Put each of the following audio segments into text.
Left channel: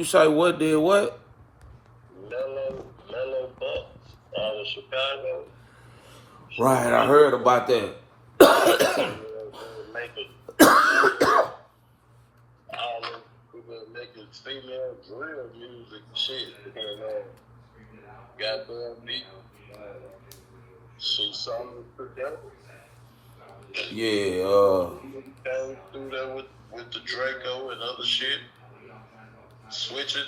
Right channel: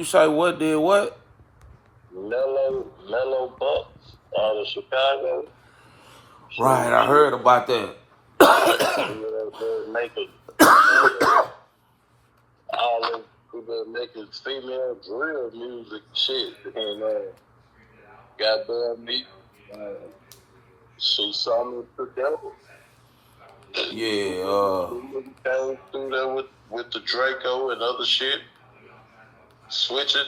You say what did what? Mellow Bucks out of Chicago. Right, I heard about that. They're making all of people making female drill music shit. And goddamn me, she saw me together. Yeah, Came through there with the Draco and other shit, switch it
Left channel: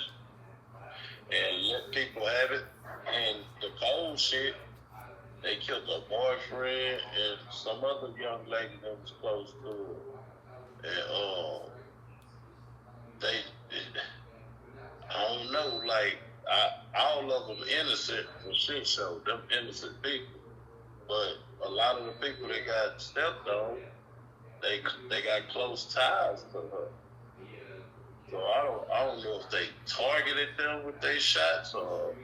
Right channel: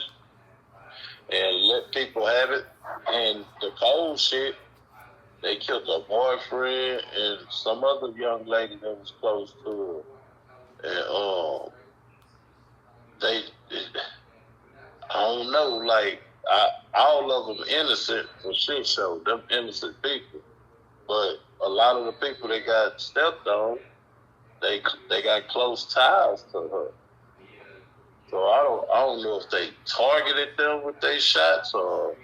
and let people have it. And the cold shit, they killed her boyfriend and some other young lady that was close to her. And they, I don't know, like all of them innocent for shit show, them innocent people. But a lot of the people that got stepped on, they got close ties to her. So I don't know if they targeted them with their shots or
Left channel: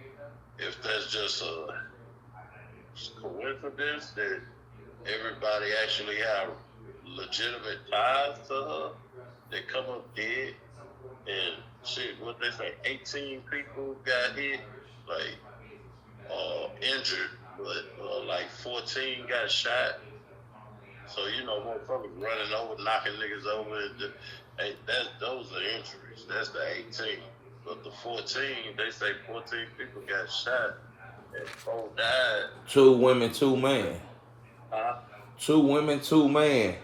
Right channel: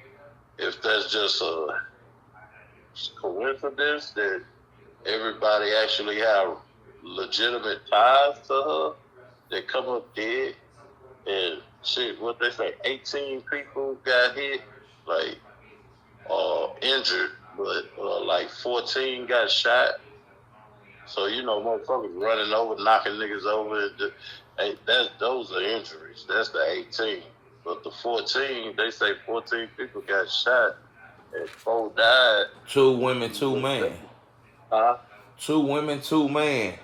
if that's just a coincidence that everybody actually have legitimate ties to her that come up dead. And shit, what they say, 18 people got hit, like, injured, but like 14 got shot. So, you know, motherfuckers running over, knocking niggas over. Hey, those are injuries. That's the 18. But the 14, they say 14 people got shot and 4 died. 2 women, 2 men. Huh? 2 women, 2 men.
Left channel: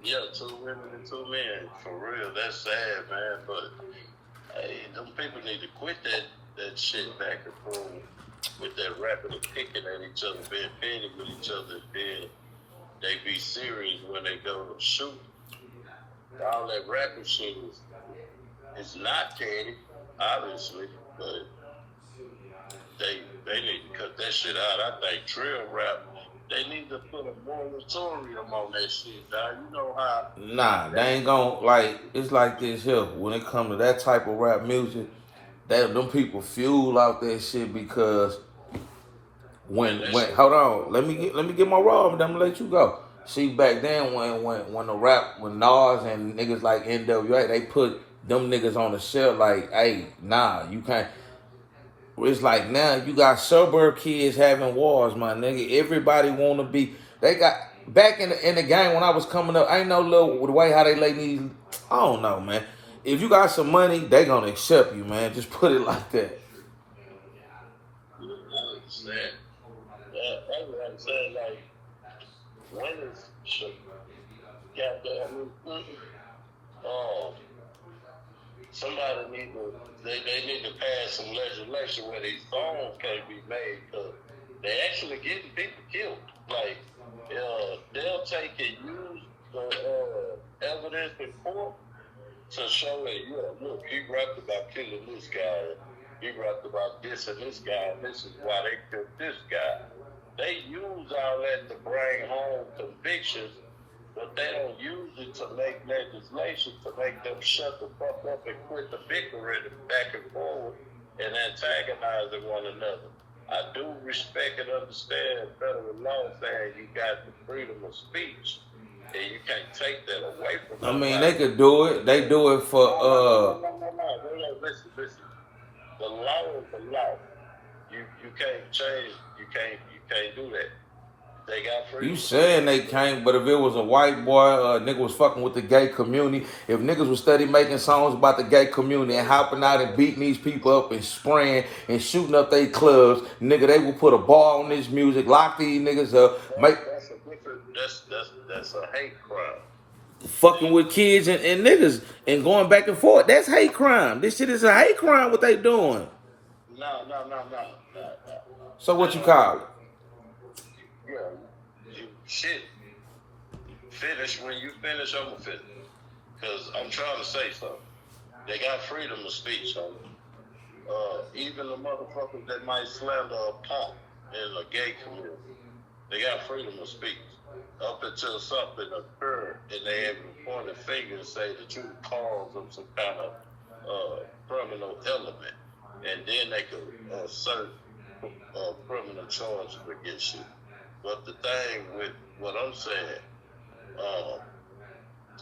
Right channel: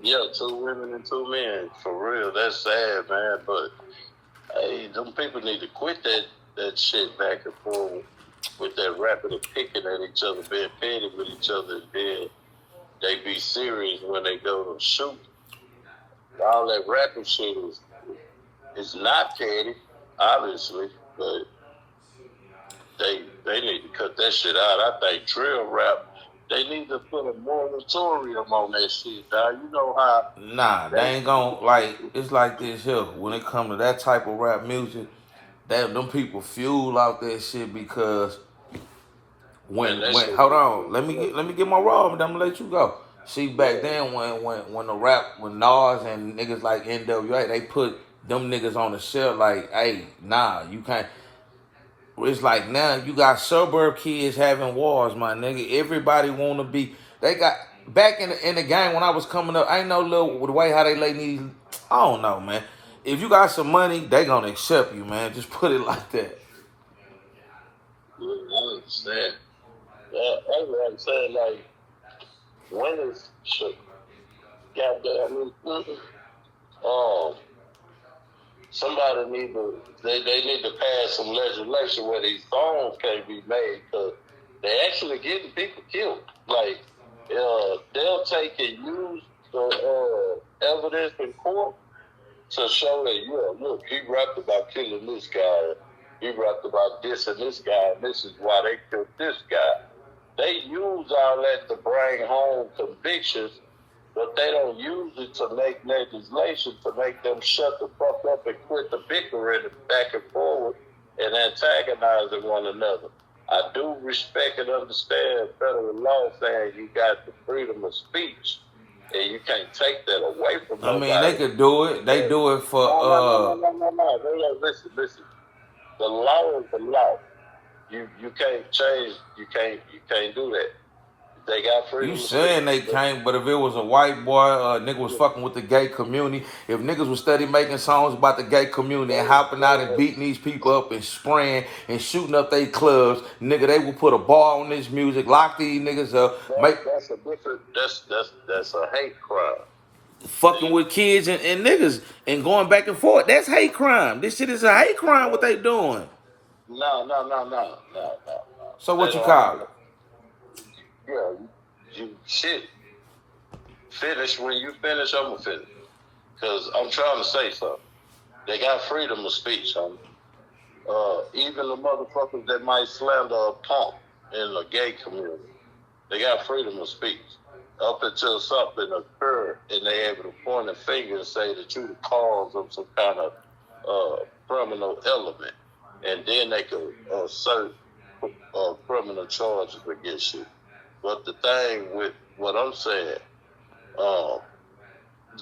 Yeah, 2 women and 2 men. For real, that's sad, man. But hey, them people need to quit that shit back and forth with that rapping and picking at each other, being petty with each other, then they be serious when they go to shoot. All that rapping shit is not petty, obviously, but they need to cut that shit out. I think drill rap, they need to put a moratorium on that shit, dog. You know how... Nah, they ain't gon' like, it's like this here. When it come to that type of rap music, them people fuel out that shit because when hold on, let me get my raw, and I'm gonna let you go. See, back then when the rap, when Nas and niggas like NWA, they put them niggas on the shelf like, hey, nah, you can't. It's like now you got suburb kids having wars, my nigga. Everybody wanna be. They got back in the game when I was coming up. I ain't no little the way how they lay these. I don't know, man. If you got some money, they gonna accept you, man. Just put it like that. I understand. Yeah, that's what I'm saying. Like, when is shit? Goddamn. Somebody they need to pass some legislation where these songs can't be made because they actually getting people killed. Like, they'll take and use the evidence in court to show that, yeah, look, he rapped about killing this guy, he rapped about this and this guy, and this is why they killed this guy. They use all that to bring home convictions, but they don't use it to make legislation to make them shut the fuck up and quit the bickering back and forward and antagonizing one another. I do respect and understand federal law saying you got the freedom of speech and you can't take that away from I nobody. mean, they could do it. They do it for No. Listen. The law is the law. You can't change. You can't do that. They got freedom. You saying they can't, but if it was a white boy, nigga was fucking with the gay community, if niggas was steady making songs about the gay community and hopping out and beating these people up and spraying and shooting up their clubs, nigga, they would put a bar on this music, lock these niggas up, make That's a different. That's a hate crime. fucking with kids and niggas and going back and forth. That's hate crime. This shit is a hate crime. What they doing? No. So They what you don't have call to. it? Yeah, you shit. Finish when you finish. I'ma finish. Cause I'm trying to say something. They got freedom of speech, homie. Even the motherfuckers that might slander a punk in the gay community, they got freedom of speech. Up until something occurred and they able to point a finger and say that you the cause of some kind of criminal element. And then they could assert criminal charges against you. But the thing with what I'm saying,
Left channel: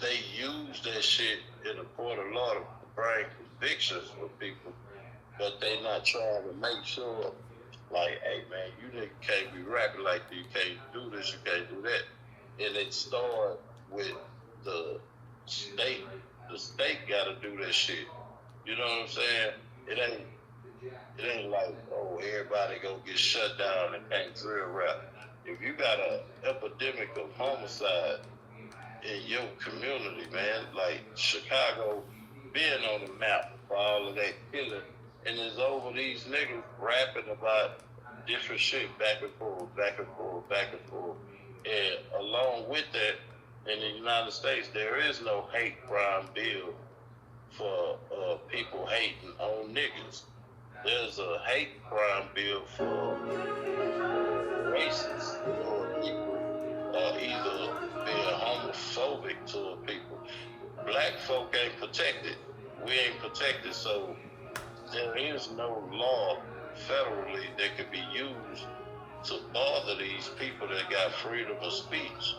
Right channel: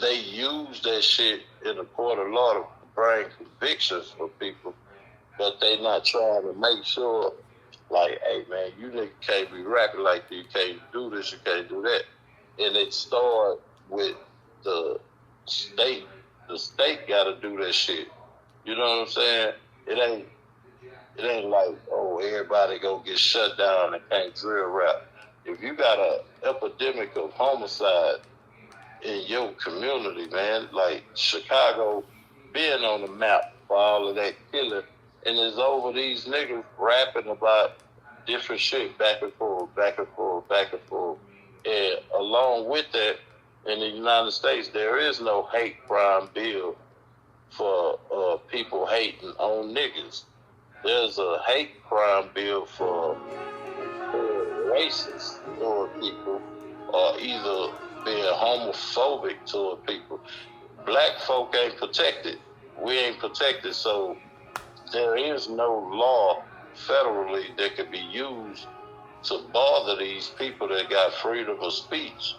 they use that shit in the court of law to bring convictions for people, but they not trying to make sure, like, hey man, you nigga can't be rapping like that. You can't do this. You can't do that. And it started with the state. The state got to do that shit. You know what I'm saying? It ain't like, oh, everybody go get shut down and can't drill rap. If you got an epidemic of homicide in your community, man, like Chicago being on the map for all of that killing, and it's over these niggas rapping about different shit back and forth, back and forth, back and forth. And along with that, in the United States, there is no hate crime bill for people hating on niggas. There's a hate crime bill for racist toward people, or either being homophobic toward people. Black folk ain't protected. We ain't protected, so there is no law federally that could be used to bother these people that got freedom of speech.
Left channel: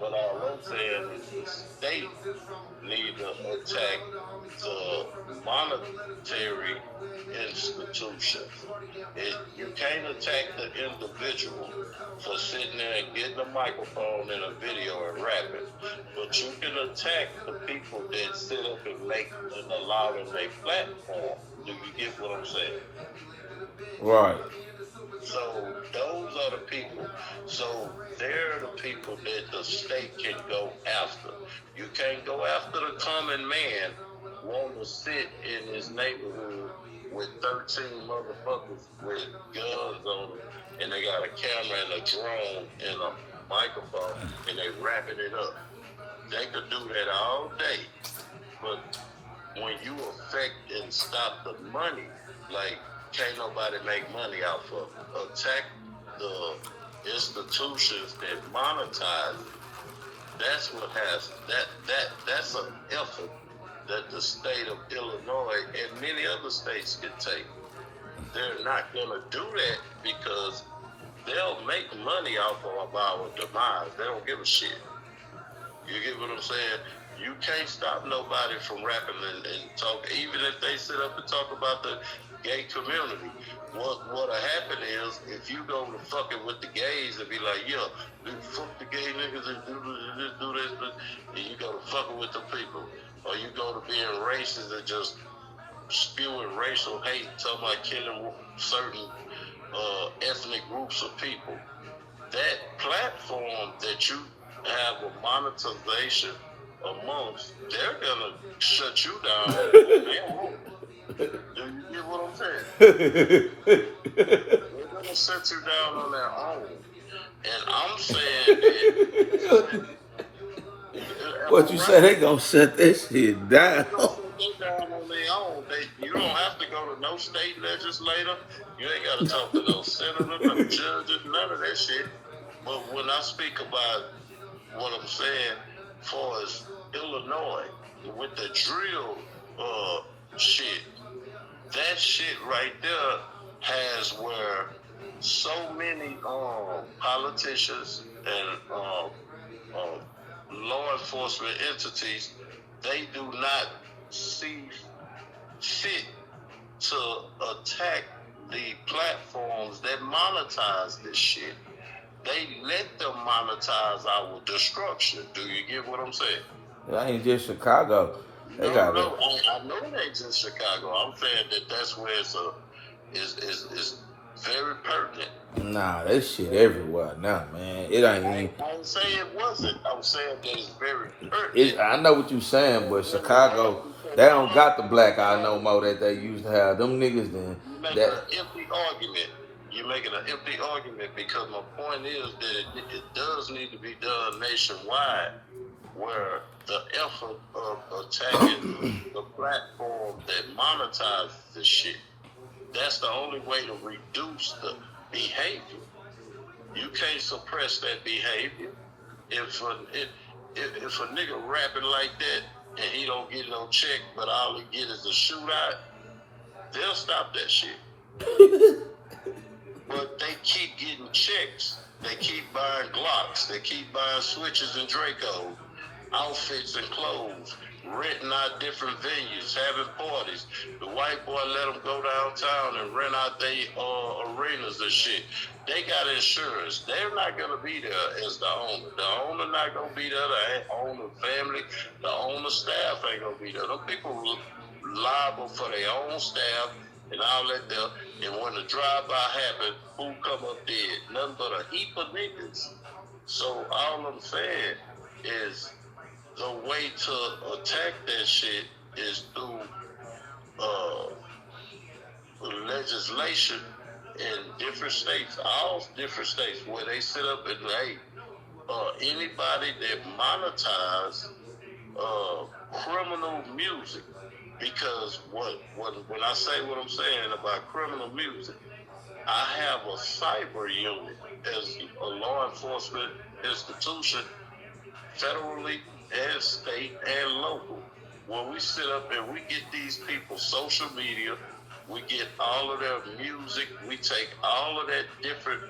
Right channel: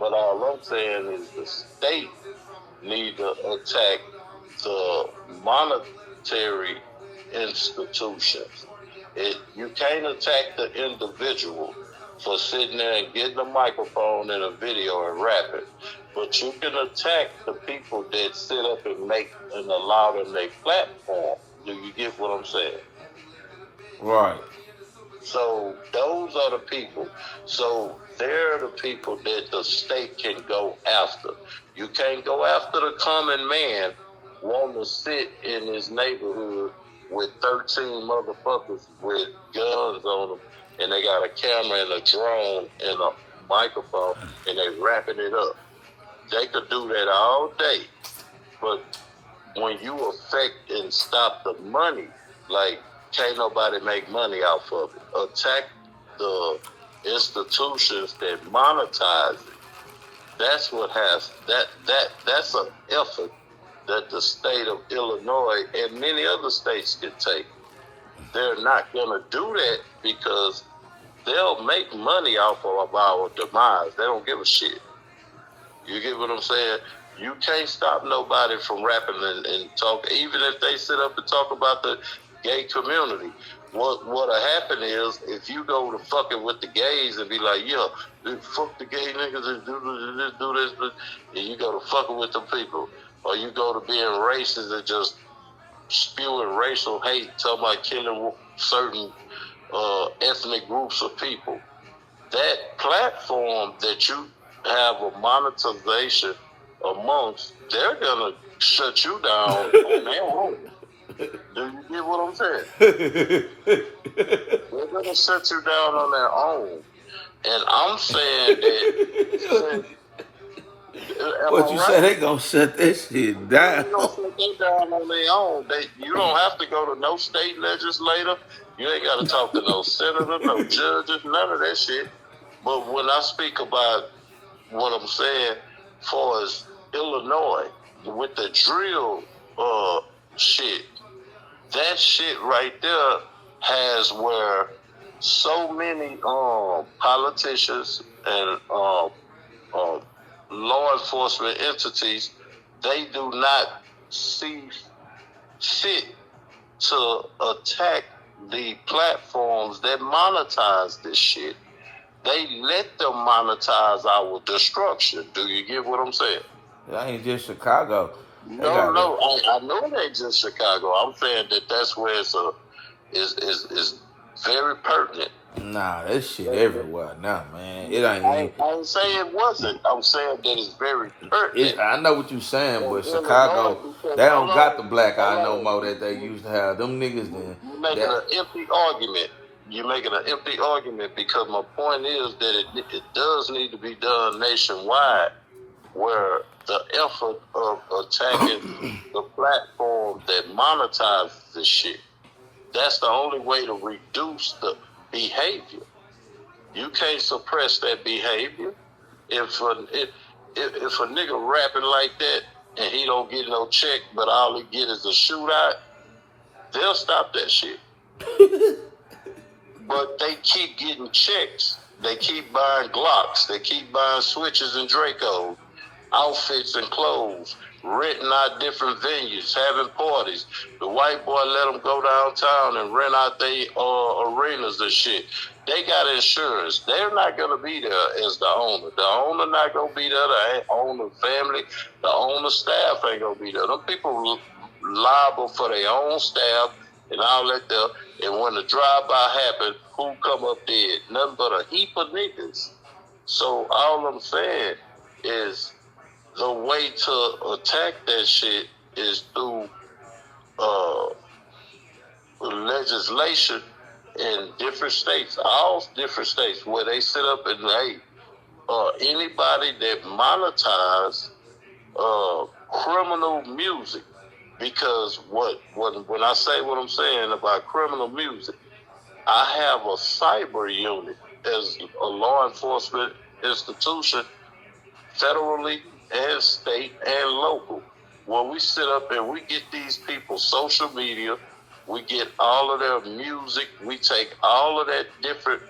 But all I'm saying is the state need to attack the monetary institutions. You can't attack the individual for sitting there and getting a microphone and a video and rapping, but you can attack the people that sit up and make and allow them their platform. Do you get what I'm saying? Right. So those are the people. So they're the people that the state can go after. You can't go after the common man wanting to sit in his neighborhood with 13 motherfuckers with guns on them, and they got a camera and a drone and a microphone, and they wrapping it up. They could do that all day, but when you affect and stop the money, like, can't nobody make money off of it. Attack the institutions that monetize. That's what has that's an effort that the state of Illinois and many other states can take. They're not gonna do that because they'll make money off of our demise. They don't give a shit. You get what I'm saying? You can't stop nobody from rapping and talking, even if they sit up and talk about the gay community. What'll happen is, if you go to fucking with the gays and be like, yeah, fuck the gay niggas and do this, and you go to fucking with the people, or you go to being racist and just spewing racial hate, talking about killing certain ethnic groups of people. That platform that you have a monetization amongst, they're gonna shut you down on their own. Do you get what I'm saying? They're gonna shut you down on their own. And I'm saying that. What you say? They gonna shut that shit down? They gonna shut them down on their own. You don't have to go to no state legislator. You ain't gotta talk to no senator, no judges, none of that shit. But when I speak about what I'm saying, far as Illinois, with the drill shit, that shit right there has where so many politicians and law enforcement entities, they do not see fit to attack the platforms that monetize this shit. They let them monetize our destruction. Do you get what I'm saying? That ain't just Chicago. I know it ain't just Chicago. I'm saying that that's where it's very pertinent. Nah, that shit everywhere now, man. It ain't. I ain't saying it wasn't. I'm saying that it's very pertinent. I know what you're saying, but Chicago, they don't got the black eye no more that they used to have. Them niggas then. You're making an empty argument. You're making an empty argument because my point is that it does need to be done nationwide, where the effort of attacking the platform that monetizes this shit, that's the only way to reduce the behavior. You can't suppress that behavior. If a nigga rapping like that and he don't get no check, but all he get is a shootout, they'll stop that shit. But they keep getting checks. They keep buying Glocks. They keep buying switches and Dracos, outfits and clothes. renting out different venues, having parties. The white boy let them go downtown and rent out their arenas and shit. They got insurance. They're not gonna be there as the owner. The owner not gonna be there. The owner family, the owner staff ain't gonna be there. Them people liable for their own staff and all that there. And when the drive-by happen, who come up dead? Nothing but a heap of niggas. So all I'm saying is the way to attack that shit is through legislation in different states, all different states, where they sit up and hey, anybody that monetize criminal music, because when I say what I'm saying about criminal music, I have a cyber unit as a law enforcement institution, federally and state and local, where we sit up and we get these people social media, we get all of their music, we take all of that different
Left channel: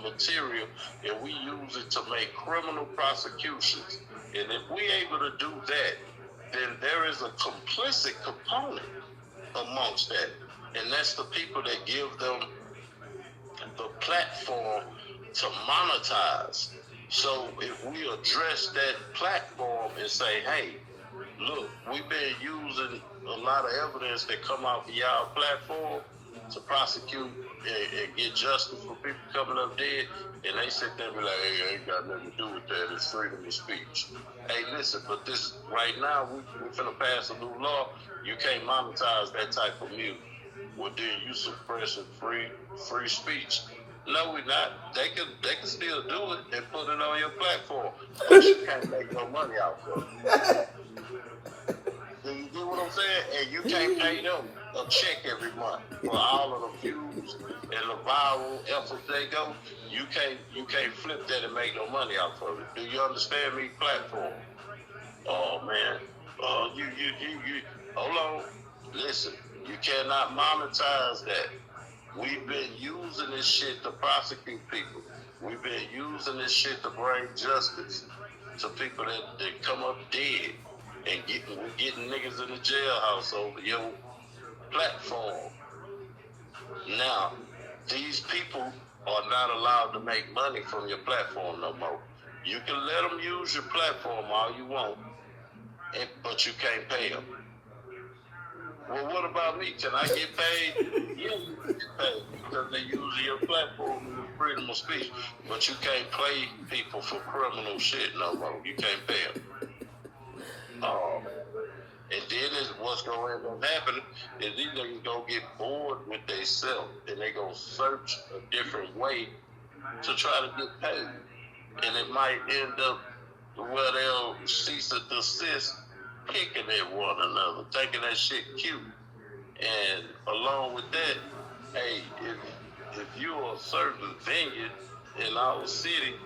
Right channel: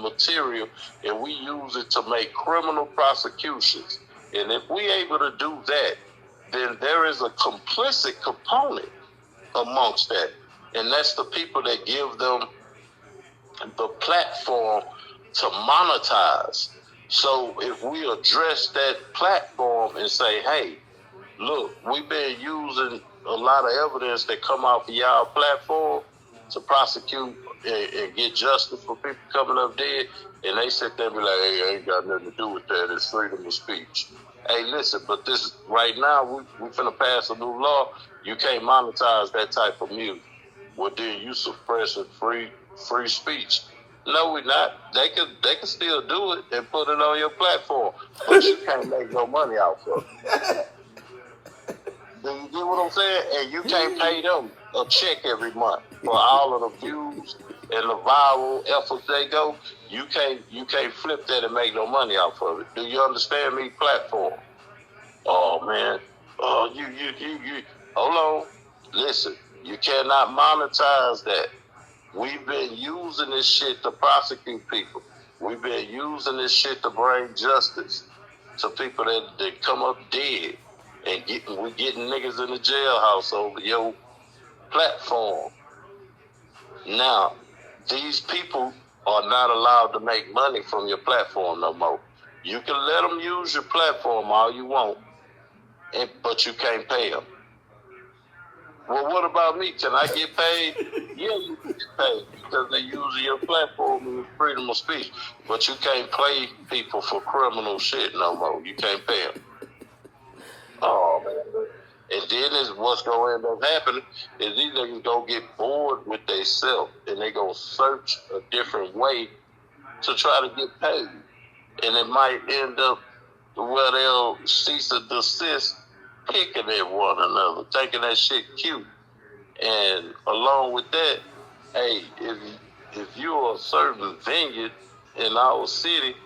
material and we use it to make criminal prosecutions. And if we able to do that, then there is a complicit component amongst that. And that's the people that give them the platform to monetize. So if we address that platform and say, hey, look, we've been using a lot of evidence that come off of y'all platform to prosecute and get justice for people coming up dead, and they sit there and be like, hey, I ain't got nothing to do with that. It's freedom of speech. Hey, listen, but this right now, we finna pass a new law. You can't monetize that type of music. Well, then you suppressing free speech. No, we're not. They can still do it and put it on your platform, but you can't make no money out of it. Do you get what I'm saying? And you can't pay them a check every month for all of the views and the viral efforts they go. You can't flip that and make no money off of it. Do you understand me? Platform. Oh man. You hold on. Listen, you cannot monetize that. We've been using this shit to prosecute people. We've been using this shit to bring justice to people that come up dead. And we're getting niggas in the jailhouse over your platform. Now, these people are not allowed to make money from your platform no more. You can let them use your platform all you want, but you can't pay them. Well, what about me? Can I get paid? Yeah, you can get paid because they're using your platform and freedom of speech. But you can't pay people for criminal shit no more. You can't pay them. Oh, man. And then is what's going to end up happening is these niggas going to get bored with themselves and they going to search a different way to try to get paid. And it might end up where they'll cease and desist picking at one another, thinking that shit cute. And along with that, hey, if you're a certain venue in our city,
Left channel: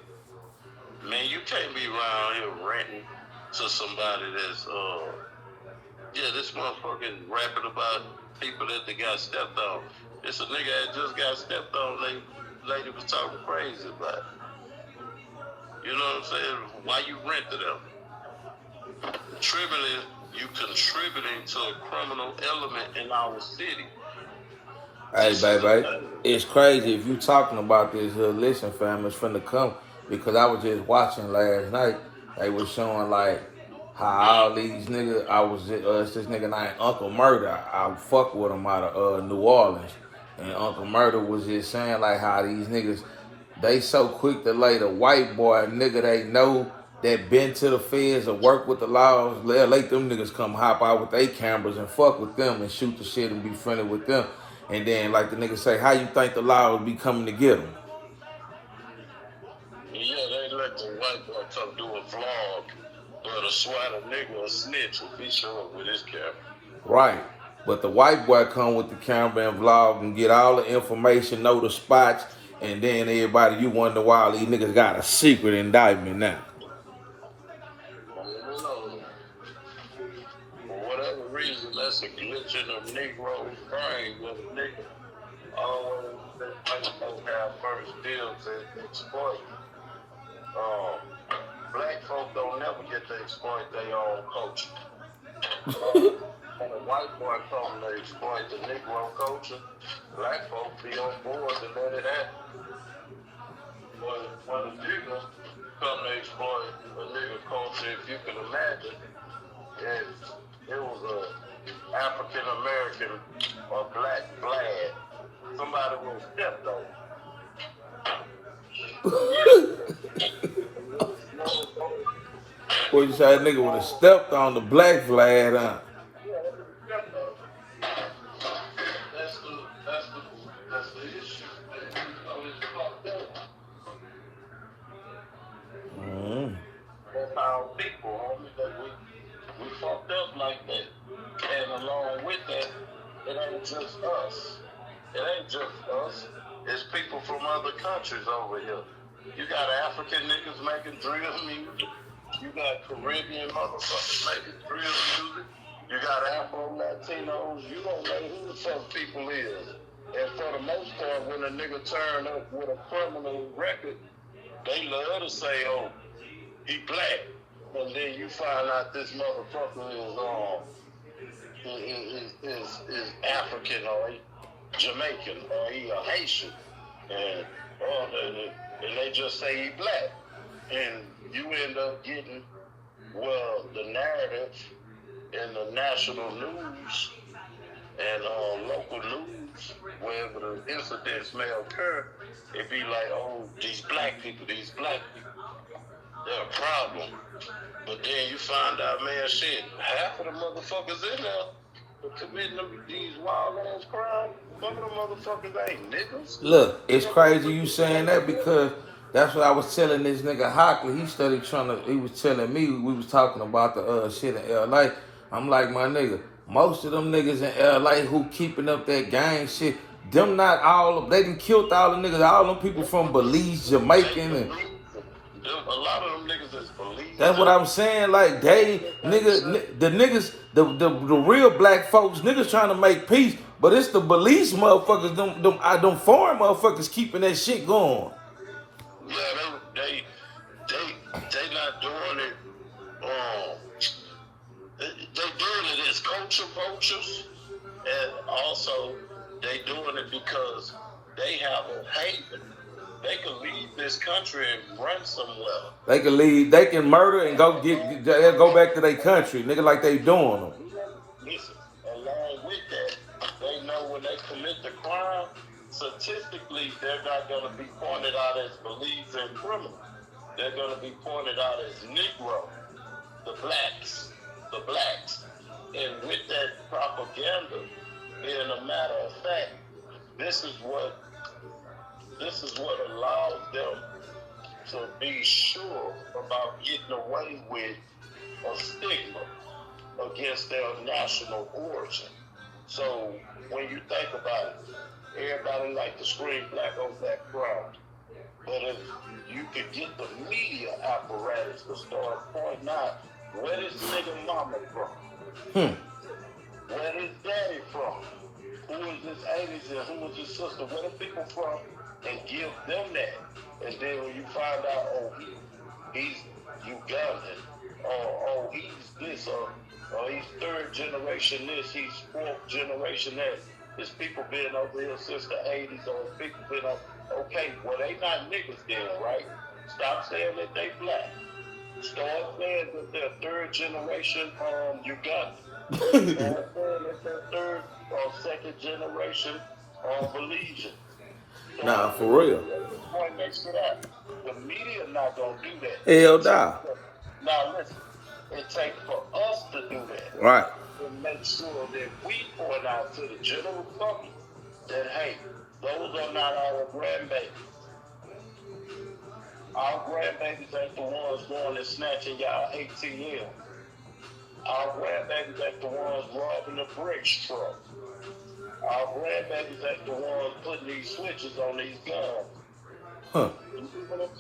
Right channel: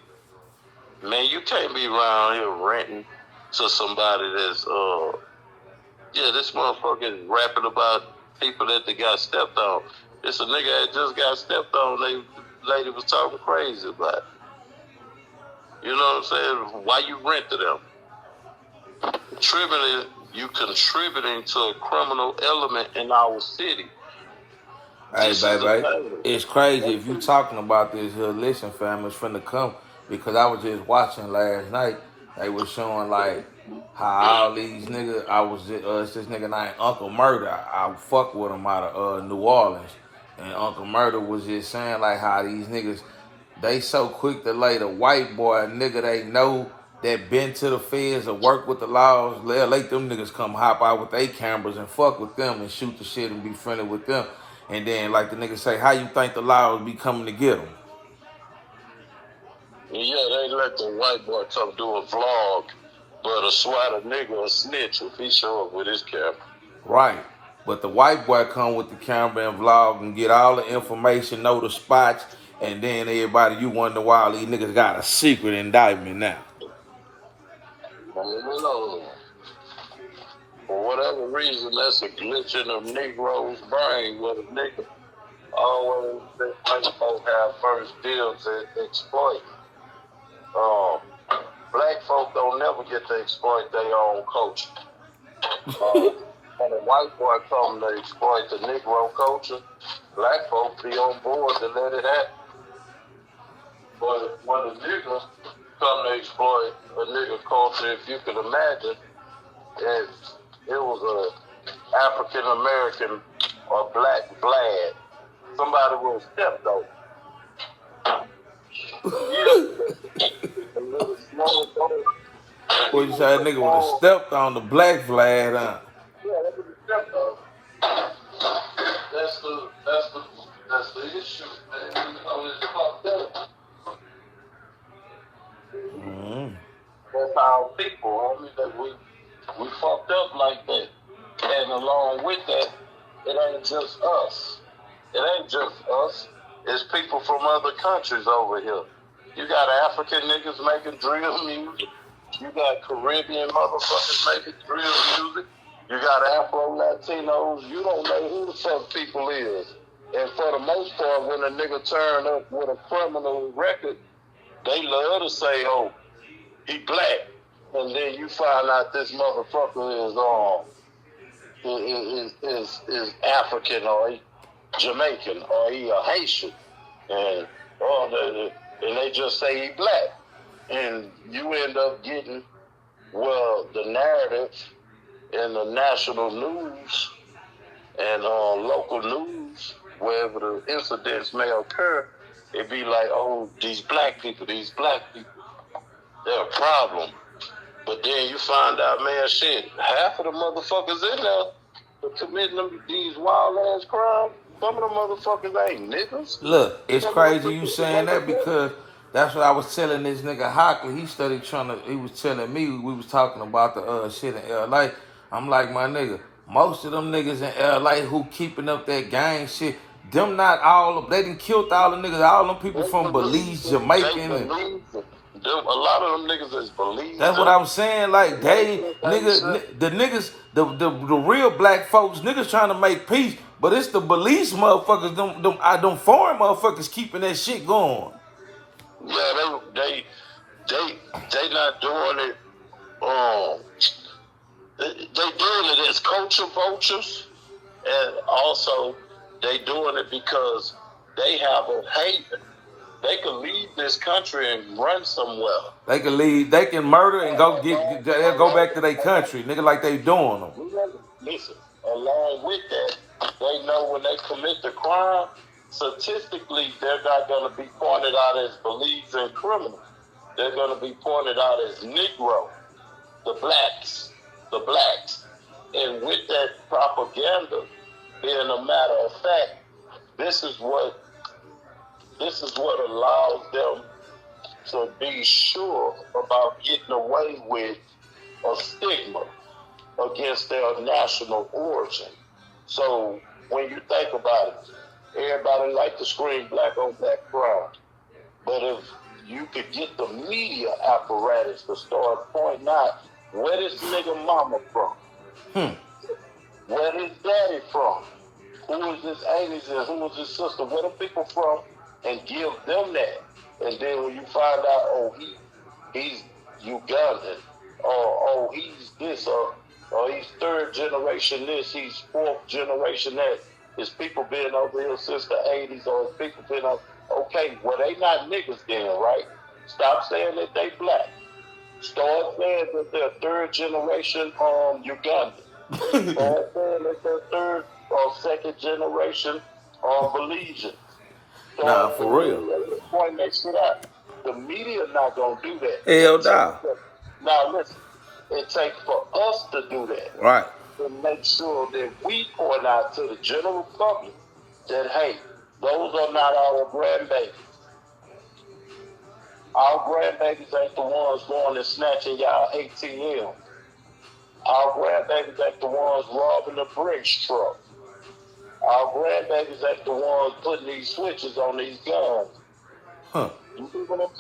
man, you can't be around here renting to somebody that's this motherfucker rapping about people that they got stepped on. It's a nigga that just got stepped on. The lady was talking crazy about it. You know what I'm saying? Why you rent to them? You contributing to a criminal element in our city. Hey, baby, it's crazy if you talking about this here. Listen, fam, it's finna come because I was just watching last night. They was showing like how all these niggas. It's this nigga named Uncle Murder. I fuck with him out of New Orleans, and Uncle Murder was just saying like how these niggas they so quick to lay the white boy nigga they know that been to the feds or work with the laws. They'll let them niggas come hop out with their cameras and fuck with them and shoot the shit and be friendly with them. And then, like the nigga say, how you think the laws be coming to get them? Yeah, they let the white boy come do a vlog, but a SWAT nigga a snitch if he show up with his camera. Right. But the white boy come with the camera and vlog and get all the information, know the spots, and then everybody, you wonder why all these niggas got a secret indictment now. For whatever reason, that's a glitch in a Negro's brain where the nigga always think white folks have first deals to exploit. Black folk don't never get to exploit their own culture. When a white boy come to exploit the Negro culture, black folks be on board to let it happen. But when a nigga come to exploit a nigga culture, if you can imagine, it was a African American or black Vlad, somebody with a step though. Boy, you say that nigga would have stepped on the black flag, huh? That's the issue. It's fucked up. That's our people, homie. That we fucked up like that. And along with that, it ain't just us. It ain't just us. It's people from other countries over here. You got African niggas making drill music. You got Caribbean motherfuckers making drill music. You got Afro-Latinos. You don't know who the fuck people is. And for the most part, when a nigga turn up with a criminal record, they love to say, oh, he black. And then you find out this motherfucker is African or Jamaican or he a Haitian. And they just say he black. And you end up getting, well, the narrative in the national news and local news, wherever the incidents may occur, it be like, oh, these black people, they're a problem. But then you find out, man, shit, half of the motherfuckers in there for committing these wild ass crimes, some of the motherfuckers ain't niggas. Look, it's crazy you saying that because that's what I was telling this nigga Hockley. He was telling me, we was talking about the shit in LA. I'm like, my nigga, most of them niggas in LA who keeping up that gang shit, them not all of, they done killed all the niggas, all them people from Belize, Jamaican, and a lot of them niggas is Belize. that's what I'm saying. Like the real black folks, niggas trying to make peace, but it's the Belize motherfuckers, them foreign motherfuckers keeping that shit going. Yeah, they not doing it. They doing it as culture vultures, and also they doing it because they have a haven. They can leave this country and run somewhere. They can leave, they can murder and go back to their country, nigga, like they doing them. Listen, along with that, they know when they commit the crime, statistically, they're not going to be pointed out as Belize and criminals. They're going to be pointed out as Negro, the blacks. And with that propaganda, being a matter of fact, this is what allows them to be sure about getting away with a stigma against their national origin. So when you think about it, everybody like to scream black on black crime. But if you could get the media apparatus to start pointing out where this nigga mama from, where his daddy from, who is his aunties and who is his sister, where the people from, and give them that. And then when you find out, oh, he's Ugandan, or oh, he's this, or he's third generation this, he's fourth generation that. His people been over here since the 80s, or his people been over. Okay, well, they not niggas then, right? Stop saying that they black. Start saying that they're third generation Ugandan. Start saying that they're third or second generation Belizean. So Nah, for real. Point that shit out. The media not gonna do that. Hell nah. Now listen, it takes for us to do that. Right. To make sure that we point out to the general public that, hey, those are not our grandbabies. Our grandbabies ain't the ones going and snatching y'all ATM. Our grandbabies ain't the ones robbing the Brinks truck. Our grandbabies ain't the ones putting these switches on these guns. Huh. You see what I'm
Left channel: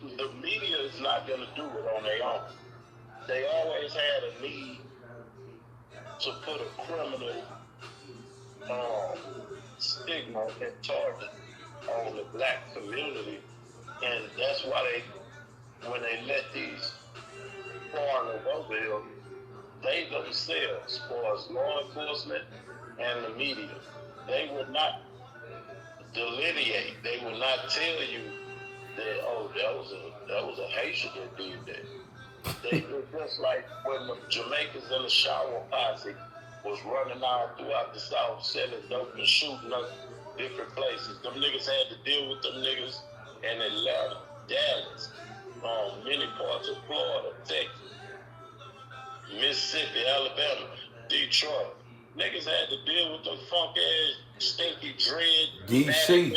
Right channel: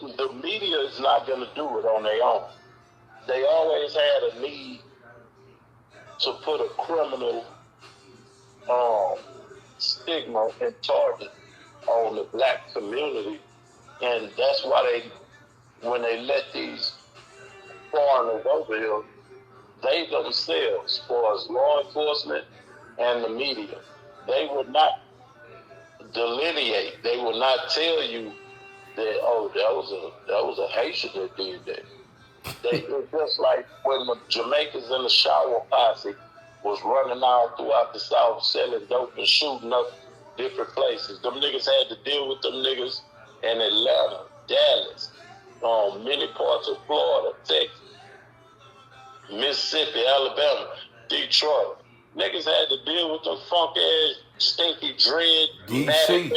saying? The media is not going to do it on their own. They always had a need to put a criminal stigma and target on the black community. And that's why when they let these foreigners over here, they themselves, as far as law enforcement and the media, they would not delineate. They would not tell you that, oh, that was a Haitian that did that. It's just like when the Jamaicans in the shower posse was running out throughout the South selling dope and shooting up different places. Them niggas had to deal with them niggas in Atlanta, Dallas, many parts of Florida, Texas, Mississippi, Alabama, Detroit. Niggas had to deal with them funk ass, stinky dread, DC,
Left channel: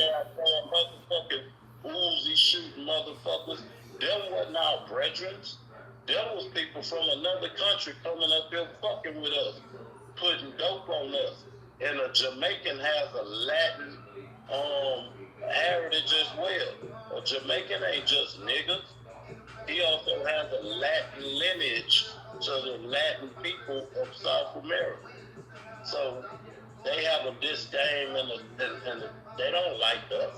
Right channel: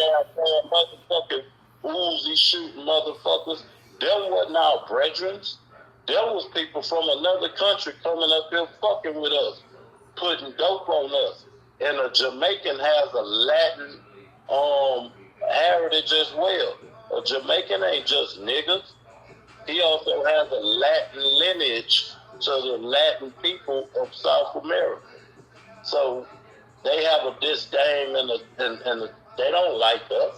motherfucking Uzi shooting motherfuckers. Them wasn't our brethren. There was people from another country coming up here fucking with us, putting dope on us. And a Jamaican has a Latin heritage as well. A Jamaican ain't just niggas. He also has a Latin lineage to the Latin people of South America. So they have a disdain and they don't like us.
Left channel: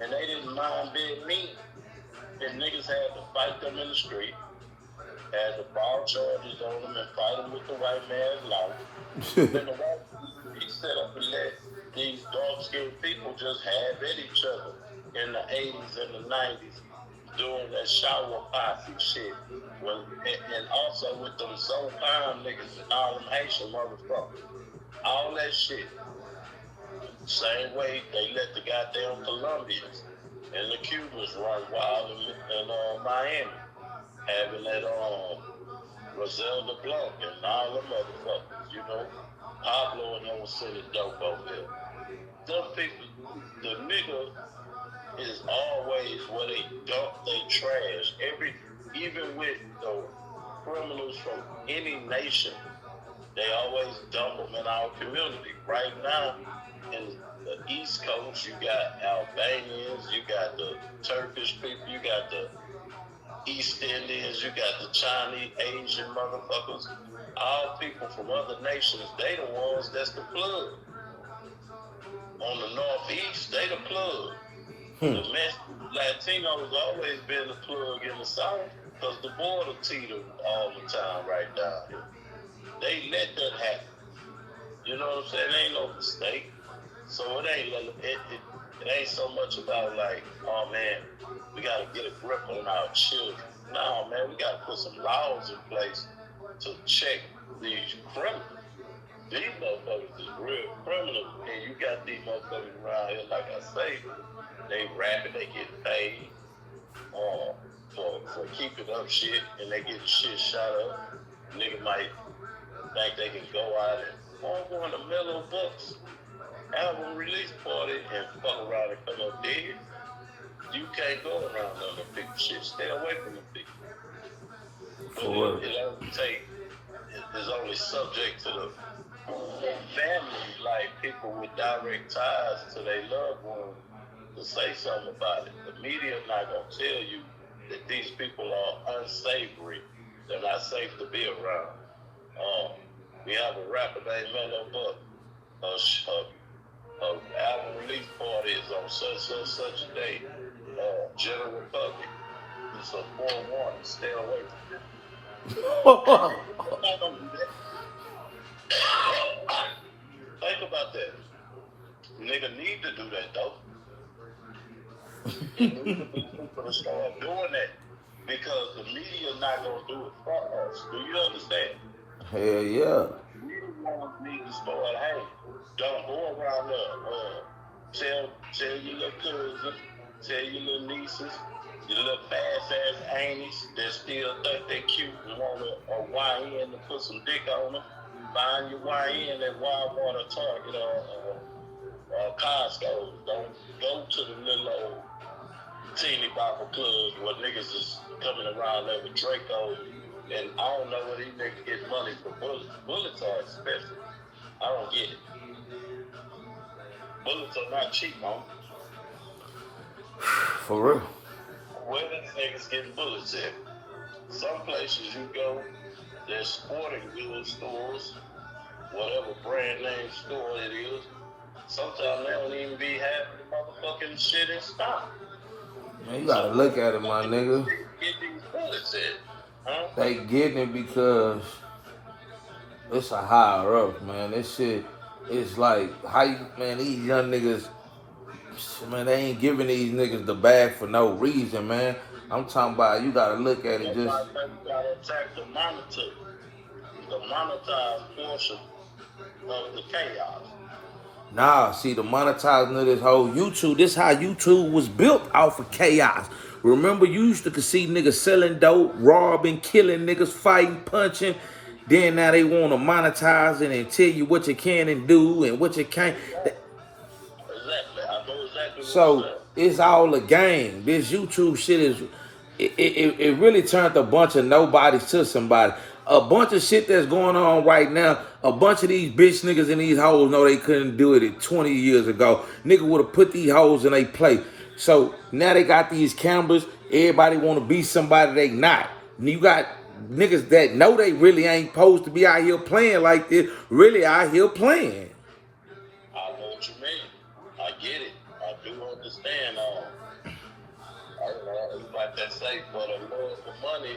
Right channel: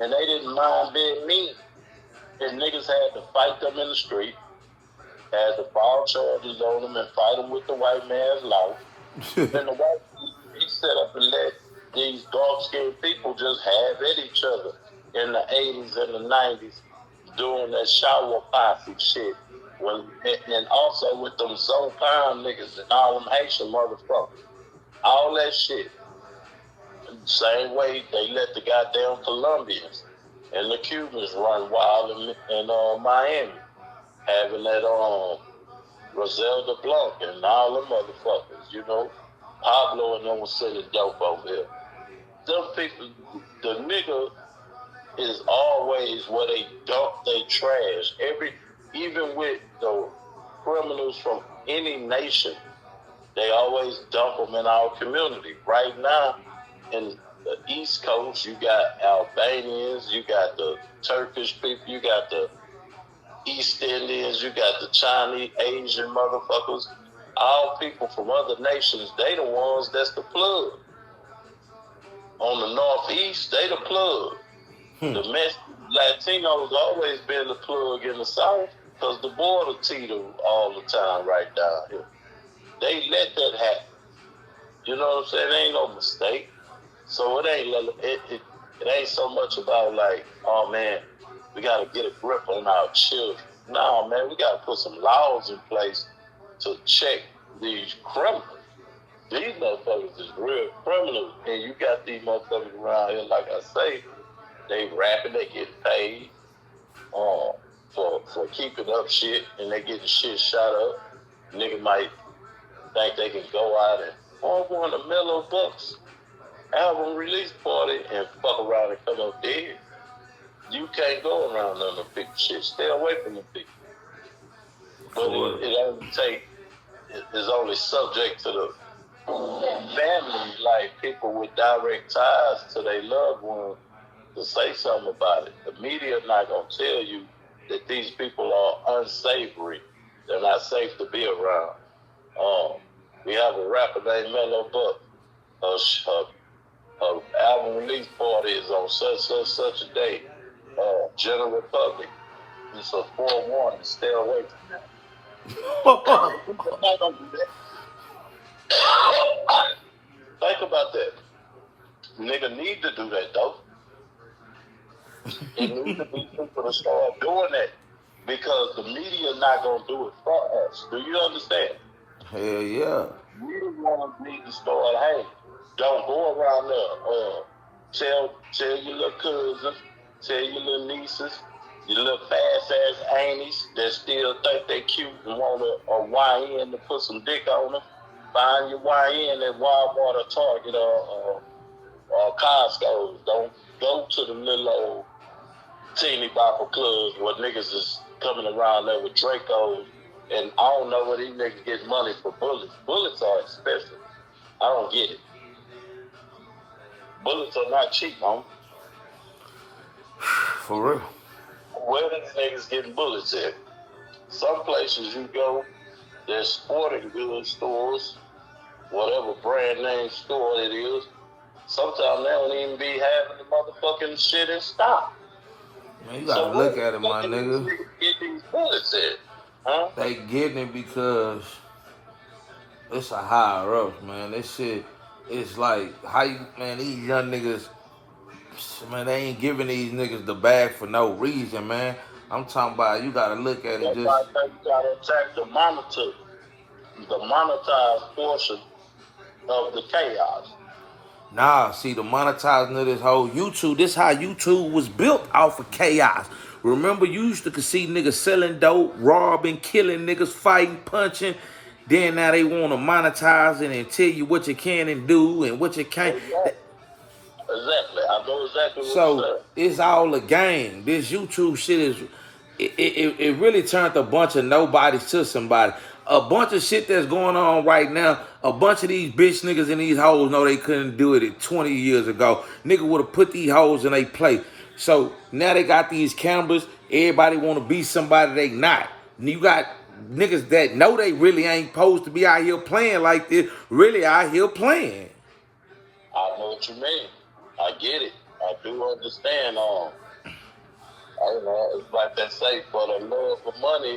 And they didn't mind being mean. And niggas had to fight them in the street, had to file charges on them and fight them with the white man's life. Then the white he set up and let these dark-skinned people just have at each other in the 80s and the 90s doing that shower posse shit. And also with them Zopan niggas and all them Haitian motherfuckers. All that shit. Same way they let the goddamn Colombians and the Cubans run wild in Miami. Having that Griselda Blanc and all them motherfuckers, you know. Pablo and them was selling dope over there. Them people, the nigga is always where they dump their trash. Even with the criminals from any nation, they always dump them in our community. Right now, in the East Coast, you got Albanians, you got the Turkish people, you got the East Indians, you got the Chinese, Asian motherfuckers. All people from other nations, they the ones that's the plug. On the Northeast, they the plug. The Latinos always been the plug in the South because the border teeter all the time right down here. They let that happen. You know what I'm saying? It ain't no mistake. So it ain't so much about like, oh man, we gotta get a grip on our children. No, man, we gotta put some laws in place to check these criminals. These motherfuckers is real criminals, and you got these motherfuckers around here, like I say, they rapping, they get paid for keeping up shit, and they getting shit shot up. Nigga might think they can go out and go on the Mellow Bucks album release party and fuck around and come up dead. You can't go around them and pick shit. Stay away from them people. But it's only subject to the family, like people with direct ties to their loved ones, to say something about it. The media not gonna tell you that these people are unsavory. They're not safe to be around. We have a rapper named Mellow Buck. Album release party is on such a day. General Republic. It's a forewarning. Stay away from it. Not gonna do that. Think about that. Nigga need to do that though. It needs to be people to start doing that because the media not gonna do it for us. Do you understand? Hell yeah. We the ones need to start. Hey, don't go around there. Tell your little cousins, tell your little nieces, your little fast-ass aunties that still think they cute and want a YN to put some dick on them. Find your YN at Walmart or Target or Costco. Don't go to the little old teeny bopper clubs where niggas is coming around there with Dracos. And I don't know where these niggas get money for bullets. Bullets are expensive. I don't get it. Bullets are not cheap, man. For real. Where these niggas getting bullets at? Some places you go, there's sporting goods stores, whatever brand name store it is. Sometimes they don't even be having the motherfucking shit in stock. Man, you gotta look at it, my nigga. Get these bullets at. Huh? They getting it because it's a higher up, man. This shit is like how you, man. These young niggas, man, they ain't giving these niggas the bag for no reason, man. I'm talking about you gotta look at it That's just. why I think you gotta attack the monetized portion of the chaos. Nah, see the monetizing of this whole YouTube. This how YouTube was built off of chaos. Remember, you used to see niggas selling dope, robbing, killing niggas, fighting, punching. Then now they want to monetize it and tell you what you can and do and what you can't. Exactly. I know exactly what you're So saying. it's all a game. This YouTube shit is it really turned a bunch of nobodies to somebody. A bunch of shit that's going on right now. A bunch of these bitch niggas and these hoes know they couldn't do it 20 years ago. Nigga would have put these hoes in they place. So now they got these cameras. Everybody want to be somebody they not. And you got niggas that know they really ain't supposed to be out here playing like this. Really out here playing. I know what you mean. I get it. I do understand. I don't know. It's like they say, for the love of money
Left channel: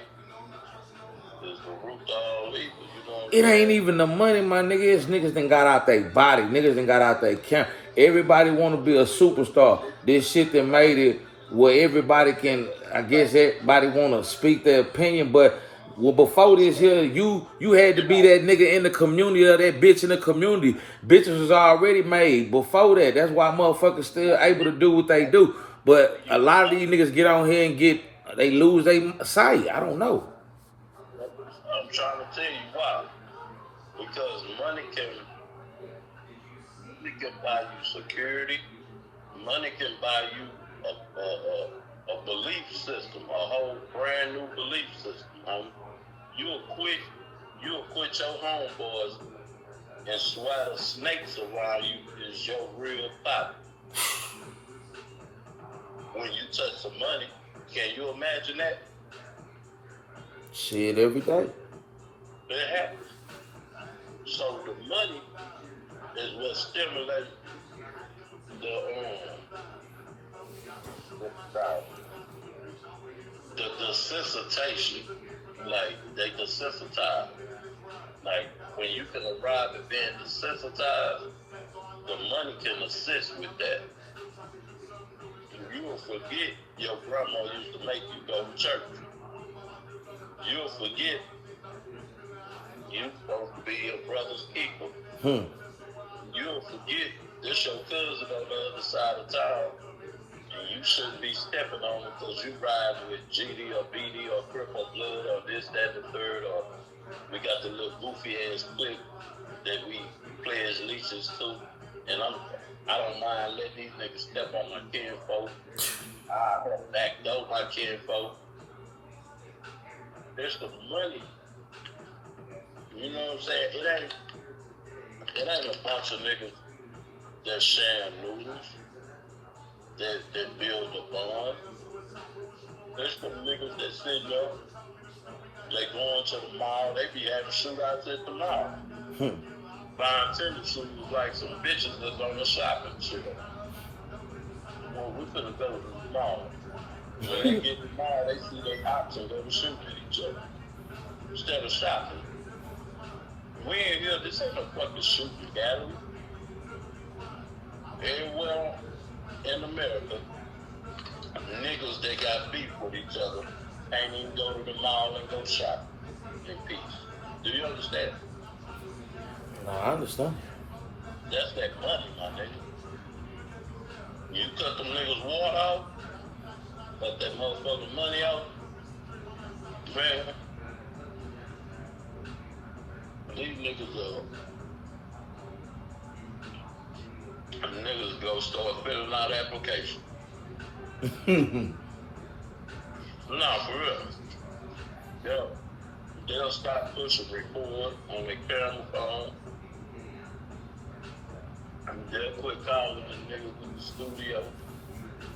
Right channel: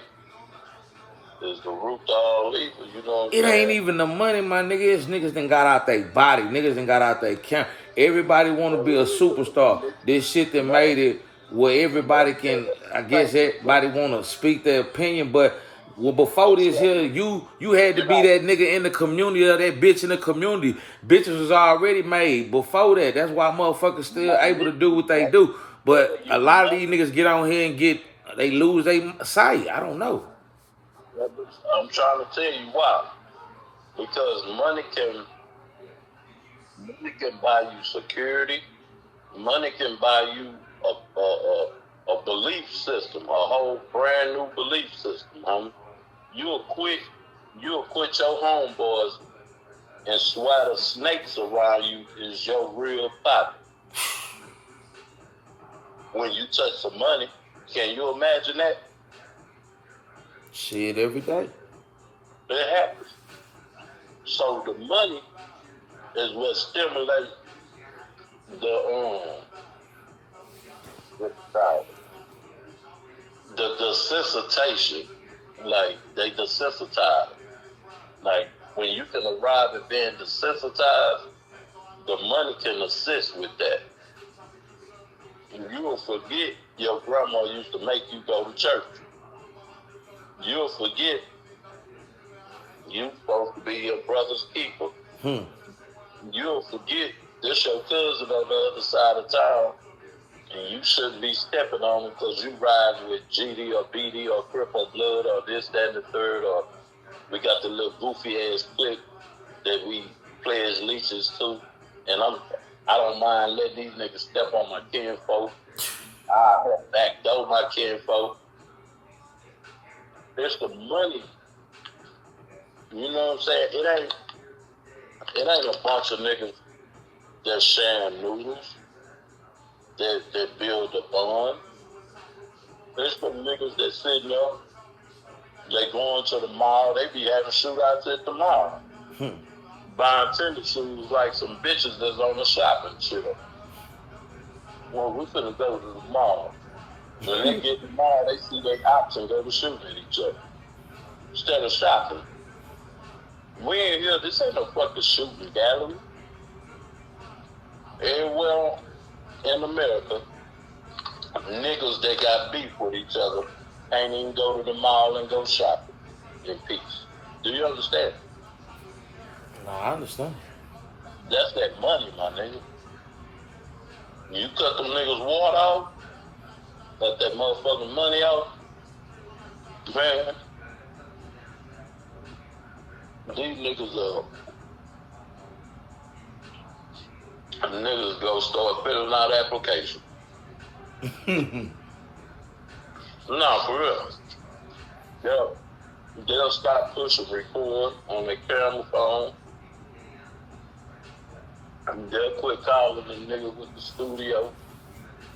is the root to all evil. You know what I'm It ain't saying? even the money, my nigga. It's niggas done got out their body. Niggas done got out their camp. Everybody want to be a superstar. This shit that made it where everybody can, I guess everybody want to speak their opinion. But well, before this here, you had to be that nigga in the community or that bitch in the community. Bitches was already made before that. That's why motherfuckers still able to do what they do. But a lot of these niggas get on here and they lose their sight. I don't know. I'm trying to tell you why. Because money can buy you security. Money can buy you a belief system, a whole brand new belief system. You'll quit your homeboys and swear the snakes around you is your real thought. When you touch some money, can you imagine that? Shit every day. It happens. So the money is what stimulates the desensitization. Like they desensitize. Like when you can arrive at being desensitized, the money can assist with that. You will forget your grandma used to make you go to church. You'll forget you supposed to be your brother's keeper. You'll forget this your cousin on the other side of town, and you shouldn't be stepping on him because you riding with GD or BD or Crip or Blood or this, that, and the third, or we got the little goofy ass clip that we play as leeches to, and I don't mind letting these niggas step on my kinfolk. I help backdoor my kinfolk. It's the money. You know what I'm saying? It ain't a bunch of niggas that sharing noodles, that build a bond. It's the niggas that sitting there, they going to the mall, they be having shootouts at the mall. Buying tennis shoes like some bitches that's on the shopping trip. Well, we finna go to the mall. When they get to the mall, they see their options, they be shooting at each other. Instead of shopping. We ain't here, this ain't no fucking shooting gallery. Everywhere in America, niggas that got beef with each other can't even go to the mall and go shopping in peace. Do you understand? No, I understand. That's that money, my nigga. You cut them niggas water off, cut that motherfucking money off, man. These niggas go start filling out applications. No, for real. They'll stop pushing record on their camera phone. And they'll quit calling the nigga with the studio.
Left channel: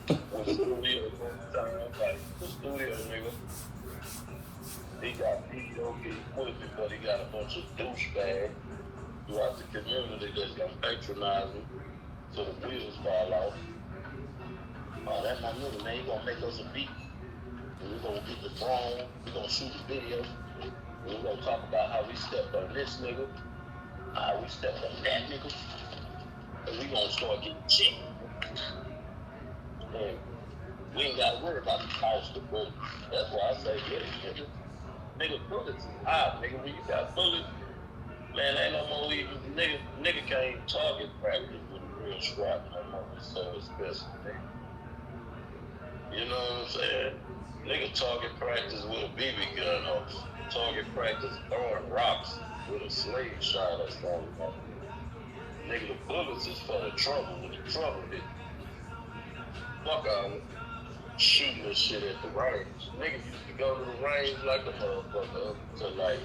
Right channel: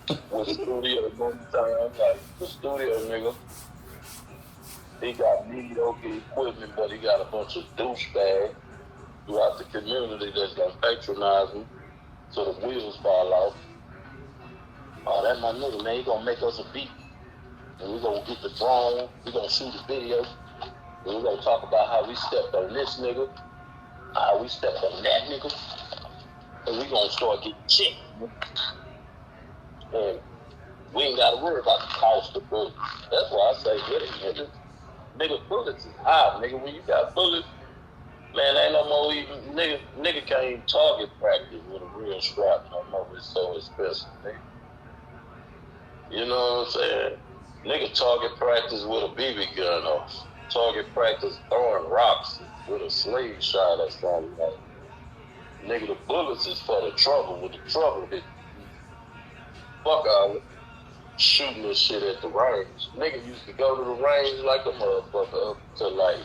With the studio going time, like the studio nigga. He got mediocre equipment, but he got a bunch of douchebags throughout the community that's gonna patronize him so the wheels fall off. Oh, that's my nigga, man. He gonna make us a beat. and we're gonna get the drone, we're gonna shoot a video, and we're gonna talk about how we stepped on this nigga, how we stepped on that nigga, and we're gonna start getting checked. And we ain't gotta worry about the cost of bullets. That's why I say get it, nigga. Nigga, bullets is high, nigga. When you got bullets, man, ain't no more even nigga can't even target practice with a real strap no more. It's so expensive, nigga. You know what I'm saying? Nigga target practice with a BB gun on. Target practice throwing rocks with a slingshot or something like that. Nigga, the bullets is for the trouble. When the trouble hit, fuck out shooting this shit at the range. Nigga used to go to the range like a motherfucker up to like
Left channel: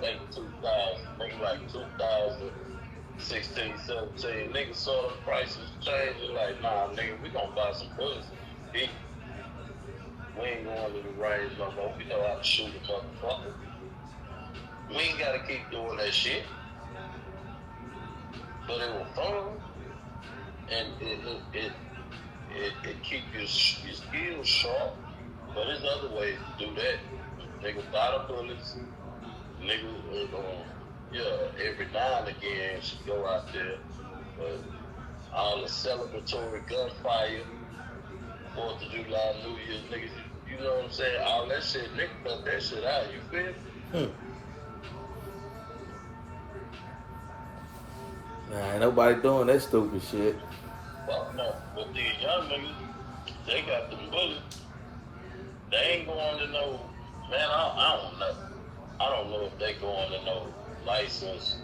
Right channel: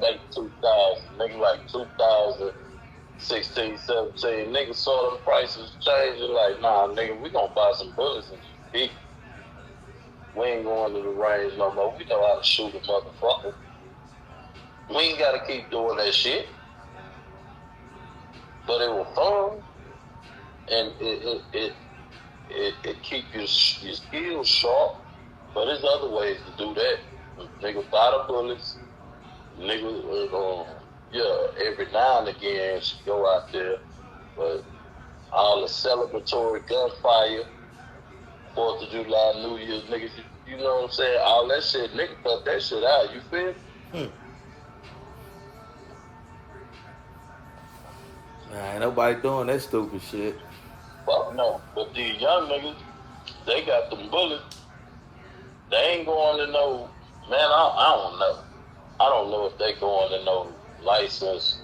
late 2000, nigga like 2016, 17. Nigga saw the prices changing like, nah, nigga, we gonna buy some bullets and beat. We ain't going to the range no more. We know how to shoot a motherfucker. We ain't gotta keep doing that shit. But it was fun, and it keep your skills sharp. But there's other ways to do that. Nigga buy the bullets. Nigga, every now and again should go out there. But all the celebratory gunfire, 4th of July, New Year's, niggas, you know what I'm saying? All that shit, nigga cut that shit out. You feel me? Nah, ain't nobody doing that stupid shit. Fuck no. But these young niggas, they got them bullets. They ain't going to no, man, I don't know. I don't know if they going to no license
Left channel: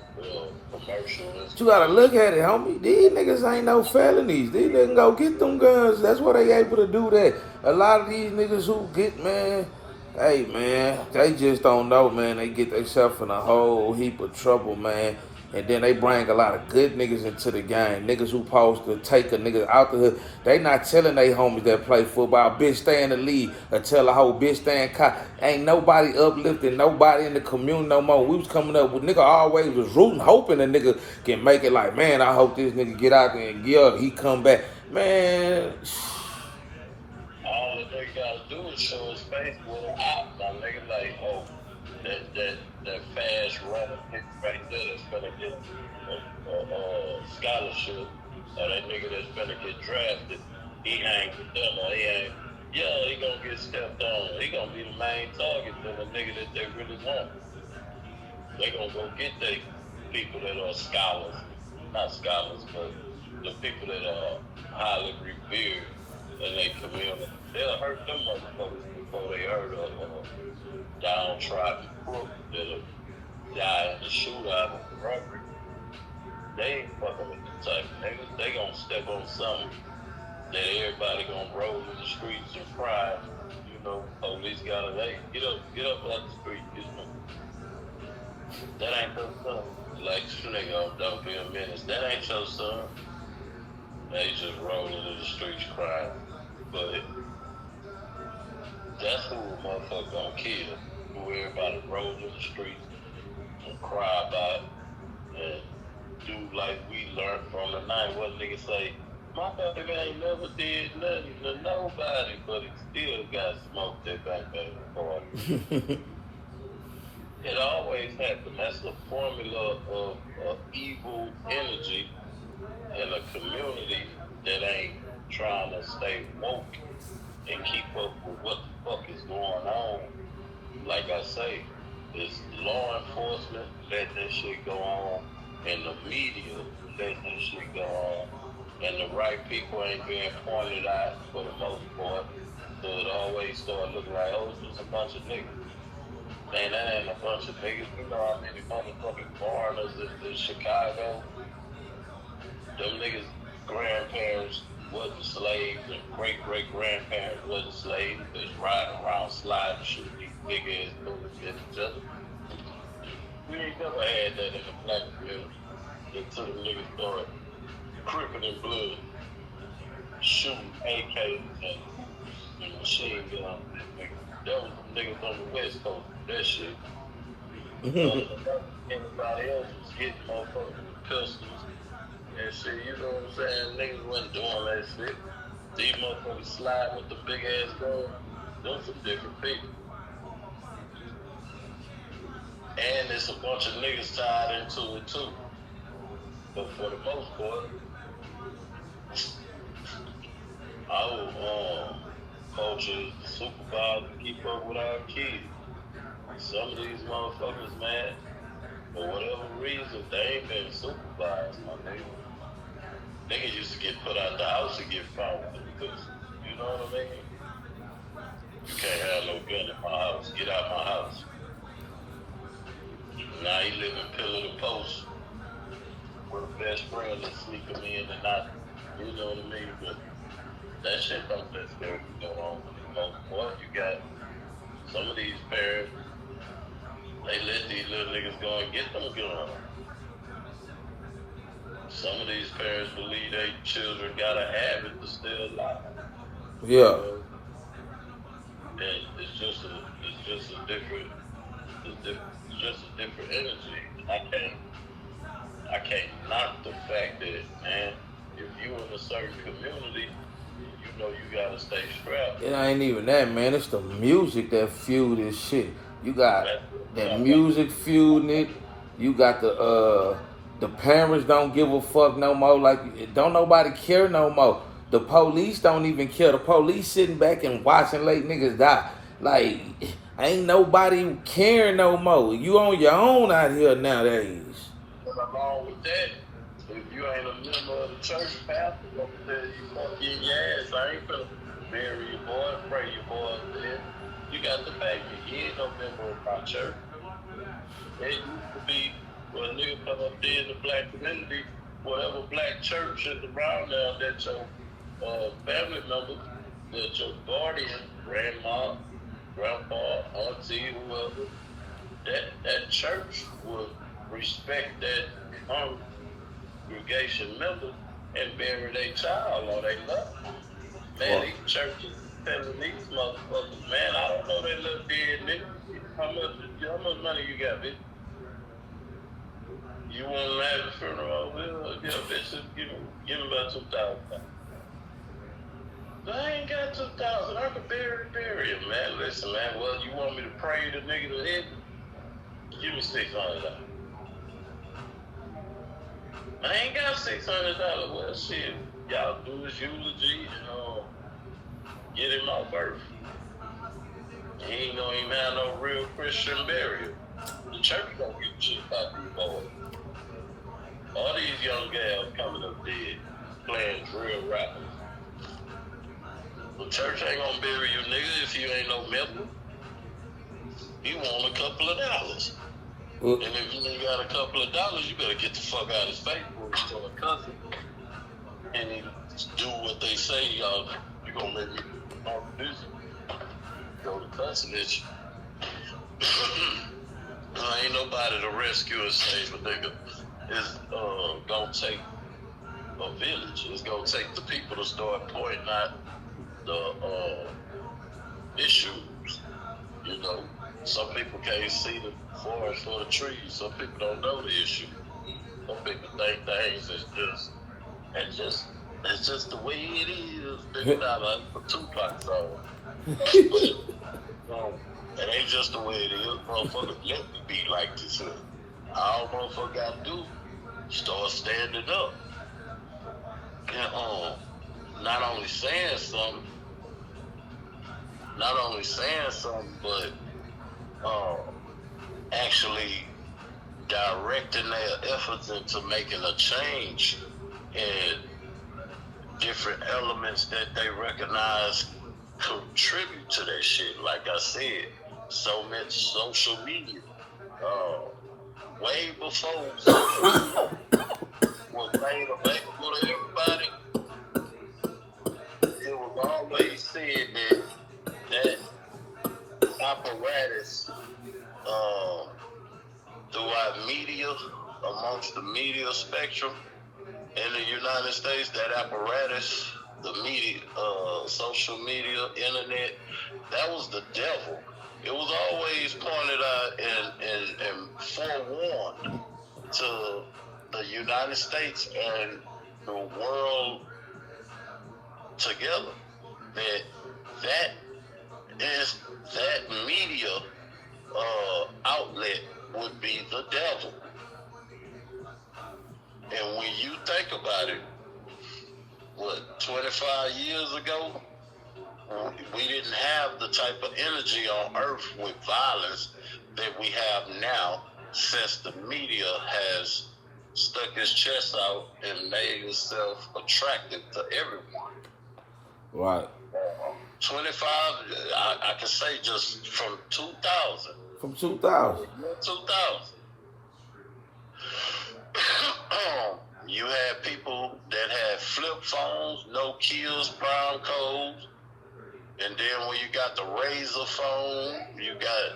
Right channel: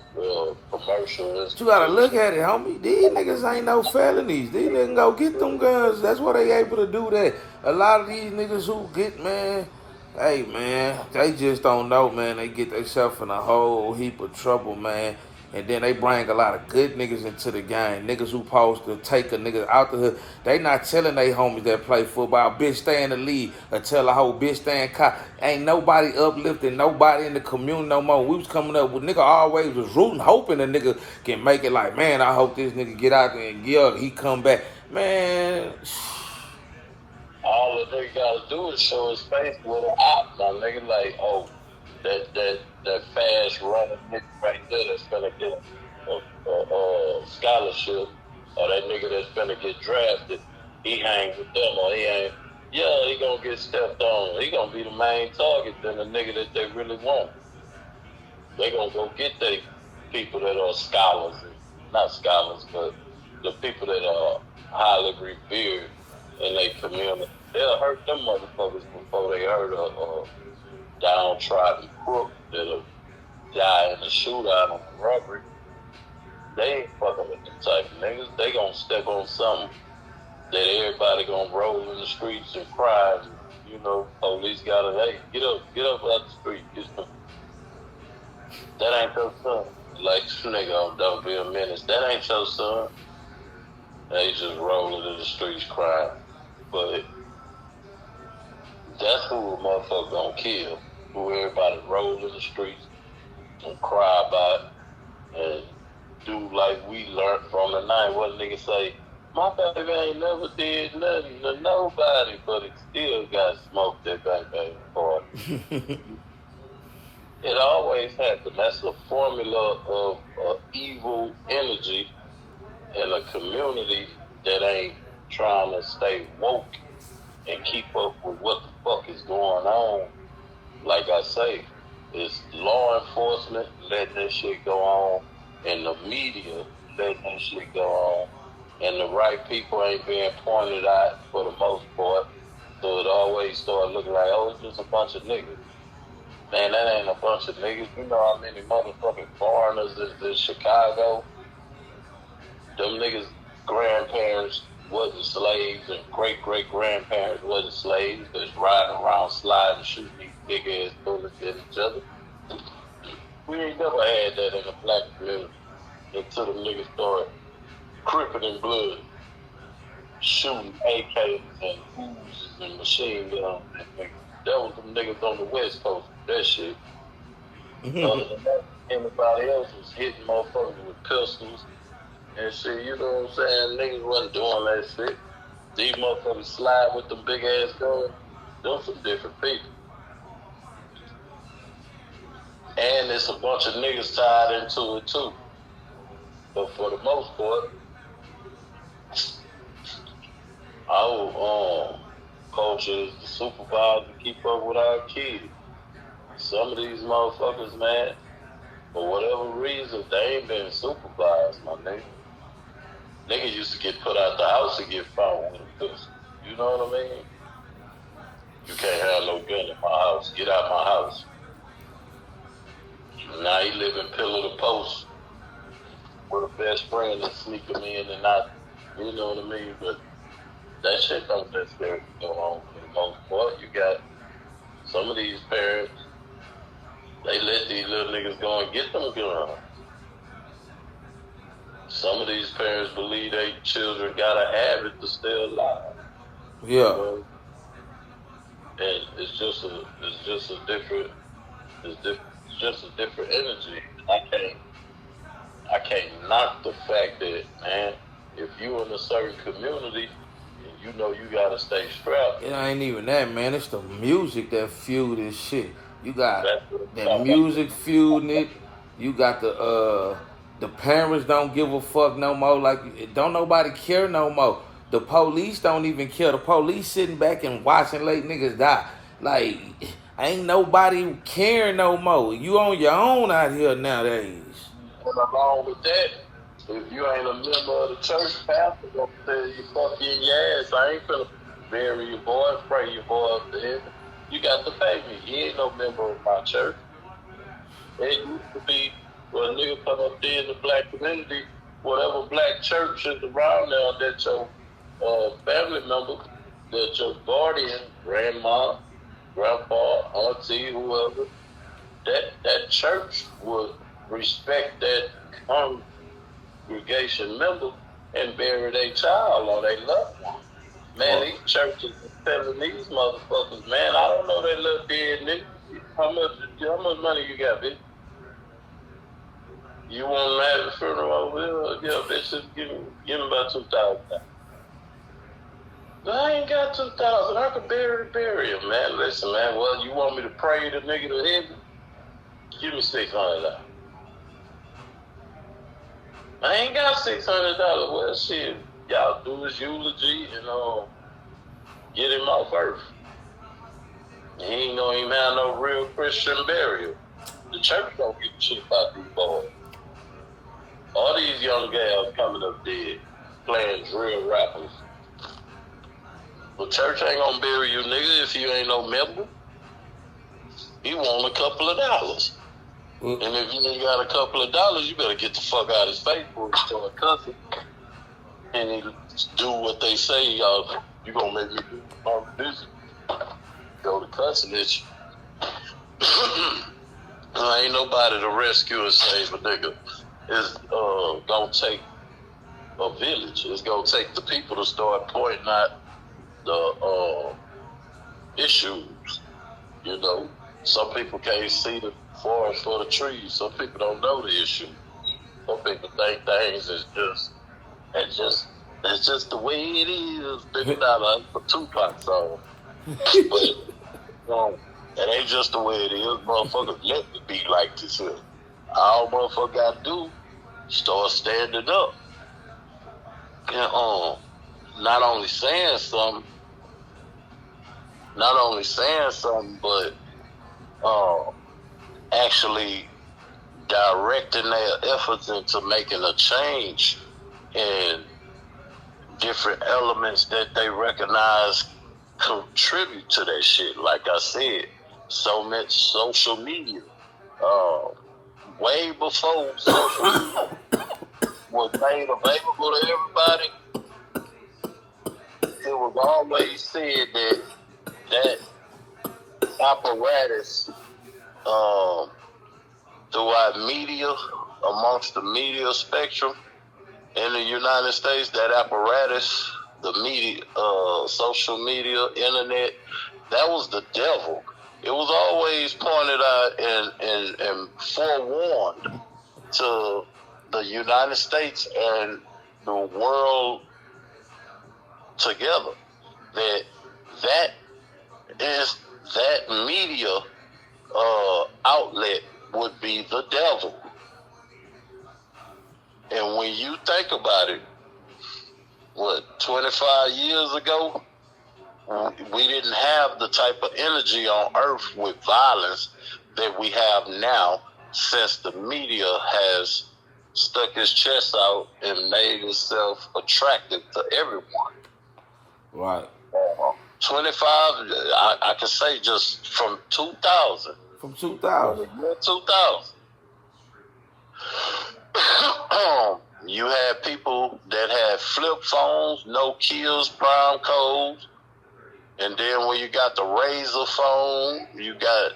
commercial. But you gotta look at it, homie. These niggas ain't no felonies. These niggas go get them guns. That's why they able to do that. A lot of these niggas who get, man, hey, man, they just don't know, man. They get themselves in a whole heap of trouble, man. And then they bring a lot of good niggas into the game. Niggas who supposed to take a nigga out the hood. They not telling they homies that play football, bitch, stay in the league. Or tell a whole bitch, stay in cop. Ain't nobody uplifting nobody in the community no more. We was coming up with nigga always was rooting, hoping a nigga can make it like, man, I hope this nigga get out there and he come back. Man. All the nigga gotta do is show his face with an op. Now, nigga, like, oh, that fast running nigga right there that's gonna get a scholarship, or that nigga that's gonna get drafted, he hang with them, or he ain't. Yeah, he gonna get stepped on. He gonna be the main target than the nigga that they really want. They gonna go get they people that are scholars, not scholars, but the people that are highly revered in their community. They'll hurt them motherfuckers before they hurt a downtrodden crook that'll die in a shootout or robbery. They ain't fucking with the type of niggas. They gonna step on something that everybody gonna roll in the streets and cry. You know, police gotta, hey, get up out the street. That ain't your son. Like, this nigga don't be a menace. That ain't your son. They just rolling in the streets crying. But that's who a motherfucker gonna kill. Who everybody roll in the streets and cry about and do like we learned from the night. What a nigga say, my baby ain't never did nothing to nobody, but he still got smoked that baby party. It always happens. That's the formula of evil energy in a community that ain't trying to stay woke and keep up with what the fuck is going on. Like I say, it's law enforcement letting that shit go on, and the media letting that shit go on, and the right people ain't being pointed out for the most part. So it always start looking like, oh, it's just a bunch of niggas. Man, that ain't a bunch of niggas. You know how many motherfucking foreigners is in Chicago? Them niggas' grandparents wasn't slaves, and great-great-grandparents wasn't slaves. Just riding around, sliding, shooting these big-ass bullets at each other. We ain't never had that in the black community until them niggas started cripping in blood, shooting AKs and machine guns. That was them niggas on the West Coast. That shit. Anybody else was hitting motherfuckers with pistols and shit. You know what I'm saying? Niggas wasn't doing that shit. These motherfuckers slide with the big ass guns. Them some different people. And there's a bunch of niggas tied into it too. But for the most part, our culture is to supervise and keep up with our kids. Some of these motherfuckers, man, for whatever reason, they ain't been supervised, my nigga. Niggas used to get put out the house and get found with a pistol. You know what I mean? You can't have no gun in my house. Get out my house. Now he living pillar to post with a best friend to sneak him in and not, you know what I mean? But that shit don't necessarily go on for the most part. You got some of these parents, they let these little niggas go and get them guns. Some of these parents believe their children gotta have it to stay alive. Yeah. And it's just a different energy. I can't knock the fact that, man, if you in a certain community, you know you gotta stay strapped. It ain't even that, man. It's the music that fuel this shit. You got that music fueling it. You got the parents don't give a fuck no more. Like, don't nobody care no more. The police don't even care. The police sitting back and watching late niggas die. Like, ain't nobody caring no more. You on your own out here nowadays. And along with that, if you ain't a member of the church, pastor gonna tell you fuck you in your ass. I ain't finna bury your boy, pray your boy up there. You got to pay me. He ain't no member of my church. It used to be when a nigga come up there in the black community, whatever black church is around there that your family member, that your guardian, grandma, grandpa, auntie, whoever, that church would respect that congregation member and bury their child or they love them. Man, these churches are telling these motherfuckers, man, I don't know that little dead nigga. How much money you got, bitch? You want to have a funeral over here? Yeah, bitch, just give me about $2,000. I ain't got $2,000. I could bury him, man. Listen, man. Well, you want me to pray the nigga to heaven? Give me $600. I ain't got $600. Well, shit, y'all do this eulogy and get him off earth. He ain't gonna even have no real Christian burial. The church don't give a shit about these boys. All these young gals coming up dead, playing real rappers. The church ain't gonna bury you, nigga, if you ain't no member. He want a couple of dollars. And if you ain't got a couple of dollars, you better get the fuck out of his face before you start cussing. And do what they say, y'all. You gonna make me do my business. Go to cussing at you. Ain't nobody to rescue and save a nigga. It's gonna take a village. It's gonna take the people to start pointing out the issues. You know, some people can't see the forest for the trees. Some people don't know the issue. Some people think things is it's just the way it is. People not a Tupac song. But it ain't just the way it is. Motherfuckers let it be like this here. All motherfucker gotta do, start standing up. And not only saying something, but actually directing their efforts into making a change in different elements that they recognize contribute to that shit. Like I said, so much social media. Way before social media was made available to everybody, it was always said that apparatus throughout media, amongst the media spectrum in the United States, that apparatus, the media, social media, internet, that was the devil. It was always pointed out and forewarned to the United States and the world together that is that media outlet would be the devil. And when you think about it, 25 years ago, we didn't have the type of energy on earth with violence that we have now, since the media has stuck its chest out and made itself attractive to everyone. Right. 25, I can say just from 2000. From 2000. 2000. You had people that had flip phones, Nokias, prime codes, and then when you got the Razor phone, you got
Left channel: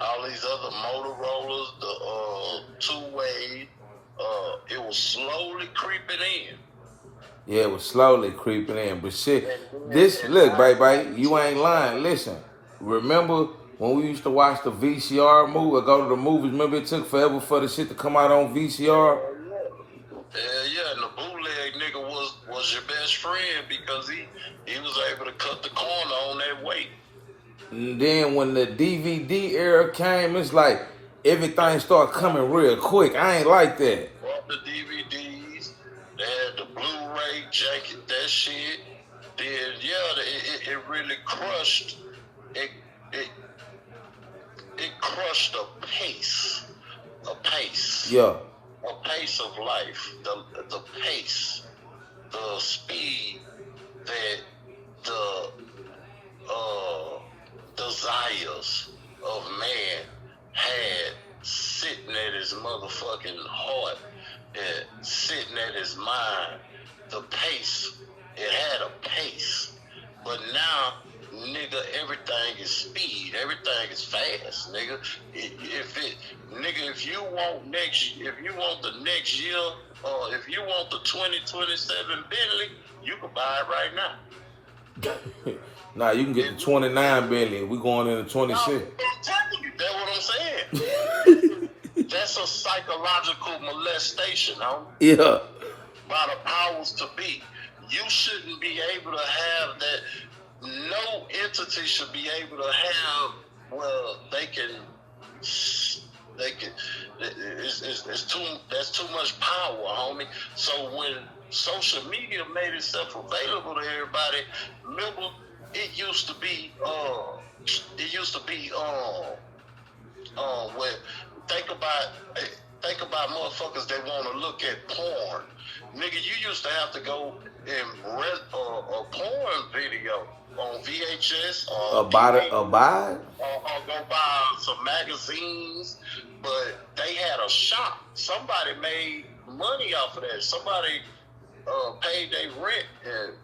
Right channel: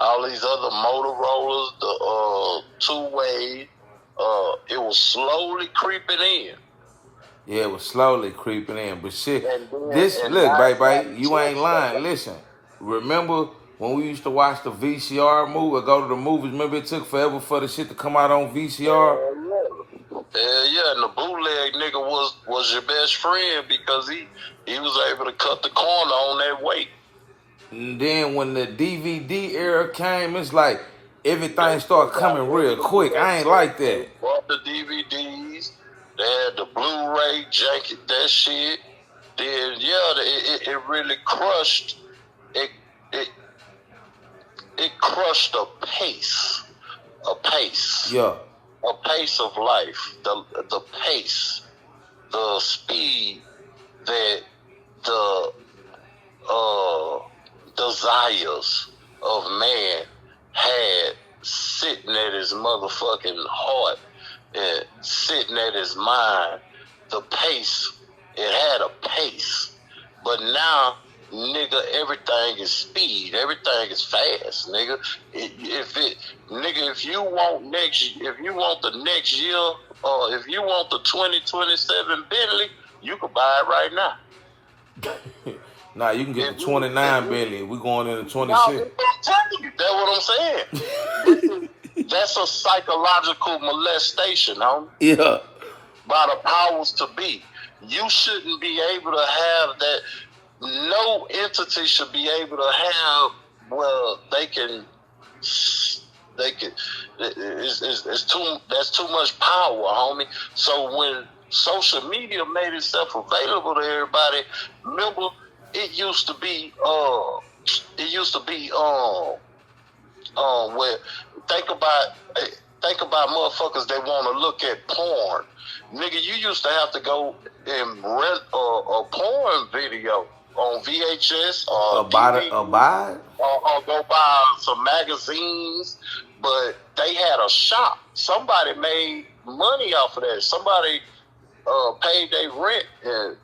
all these other Motorola's, the two-way. It was slowly creeping in. Yeah, it was slowly creeping in. But shit, look, baby, you ain't lying. Listen, remember when we used to watch the VCR movie or go to the movies? Remember it took forever for the shit to come out on VCR? Hell yeah, and the bootleg nigga was your best friend because he was able to cut the corner on that weight. And then when the DVD era came, it's like everything started coming real quick. I ain't like that. Bought the DVDs, they had the Blu-ray jacket, that shit. Then it really crushed. It crushed a pace. Yeah. A pace of life, the pace, the speed that the desires of man had sitting at his motherfucking heart and sitting at his mind. The pace, it had a pace. But now, nigga, everything is speed. Everything is fast, nigga. If you want the next year, or if you want the 2027 Bentley, you can buy it right now. Nah, you can get the 29 Bentley. We going into 26. I'm telling you, that's what I'm saying. That's a psychological molestation, homie. Yeah. By the powers to be. You shouldn't be able to have that. No entity should be able to have, well, that's too much power, homie. So when social media made itself available to everybody, remember, it used to be where think about motherfuckers that want to look at porn. Nigga, you used to have to go and rent a porn video on VHS or buy or go buy some magazines. But they had a shop. Somebody made money off of that. Somebody paid their rent and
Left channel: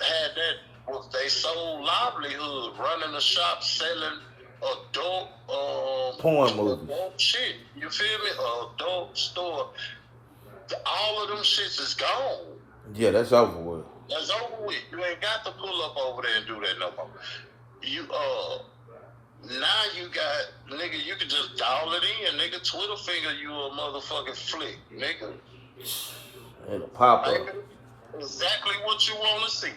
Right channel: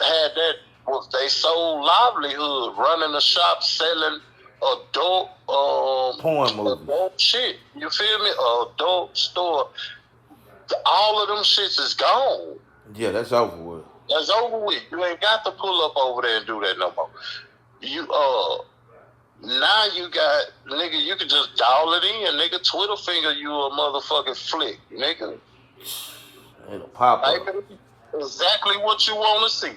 had that was their sole livelihood, running a shop selling adult porn movies. Adult shit. You feel me? Adult store. All of them shits is gone. Yeah, that's over with. That's over with. You ain't got to pull up over there and do that no more. You now you got, nigga, you can just dial it in, nigga. Twitter finger you a motherfucking flick, nigga. It'll pop up. Exactly what you want to see.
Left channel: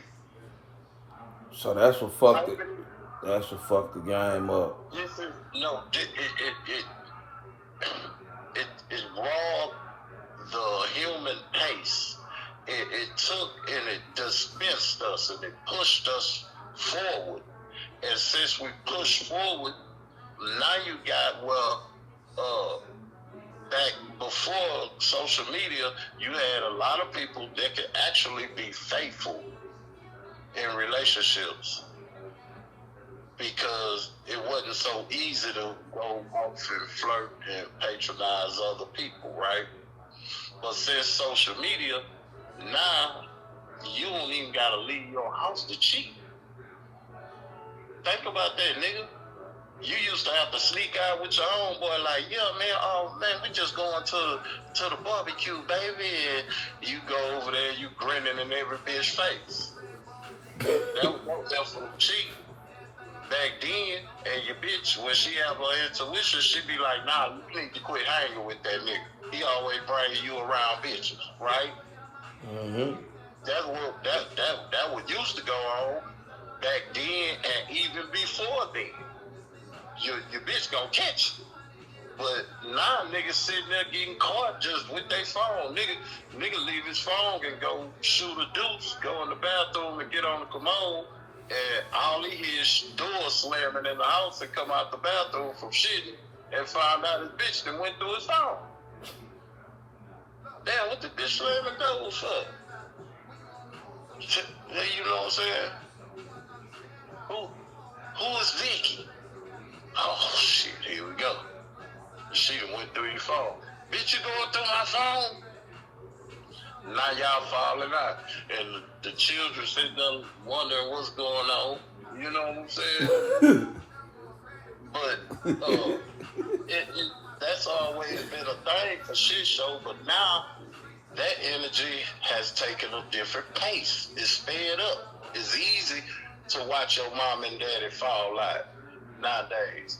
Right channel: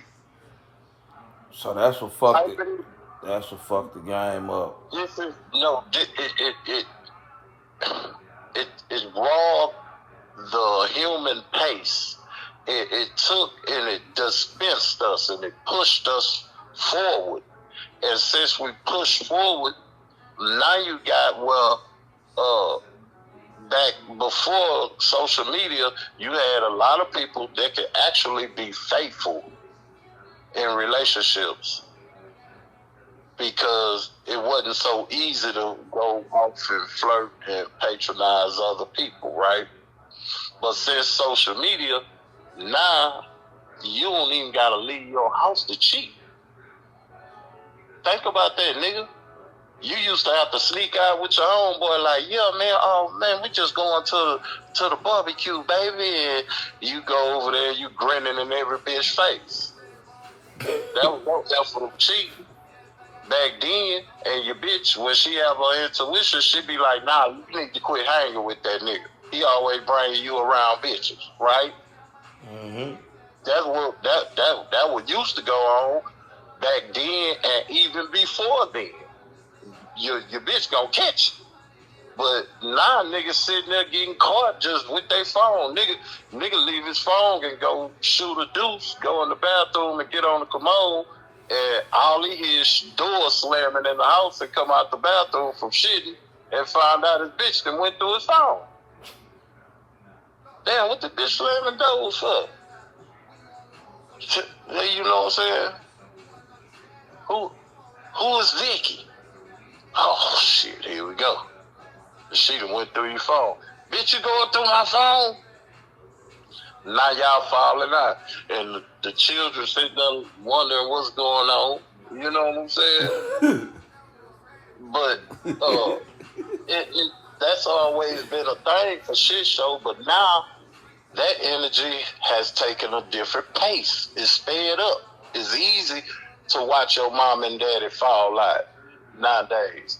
So that's what fucked it. That's what fucked the game up. It robbed the human pace. It took and it dispensed us and it pushed us forward. And since we pushed forward, now you got, back before social media, you had a lot of people that could actually be faithful in relationships because it wasn't so easy to go off and flirt and patronize other people, right? But since social media, now you don't even gotta leave your house to cheat. Think about that, nigga. You used to have to sneak out with your homeboy like, yeah, man, we just going to the barbecue, baby. And you go over there, you grinning in every bitch face. That was for the cheat. Back then, and your bitch, when she have her intuition, she be like, nah, you need to quit hanging with that nigga. He always bringing you around bitches, right? Mm-hmm. That's what that used to go on. back then and even before then, your bitch gonna catch you. But now niggas sitting there getting caught just with their phone. Nigga leave his phone and go shoot a deuce, go in the bathroom and get on the commode, and all he hears is doors slamming in the house and come out the bathroom from shitting and find out his bitch that went through his phone. Damn, what the bitch slamming doors for? You know what I'm saying? Who is Vicky? Oh shit, here we go. She done went through your phone. Bitch, you going through my phone? Now y'all falling out. And the children sitting there wondering what's going on. You know what I'm saying? But that's always been a thing for shit show. But now that energy has taken a different pace. It's sped up. It's easy to watch your mom and daddy fall out nowadays.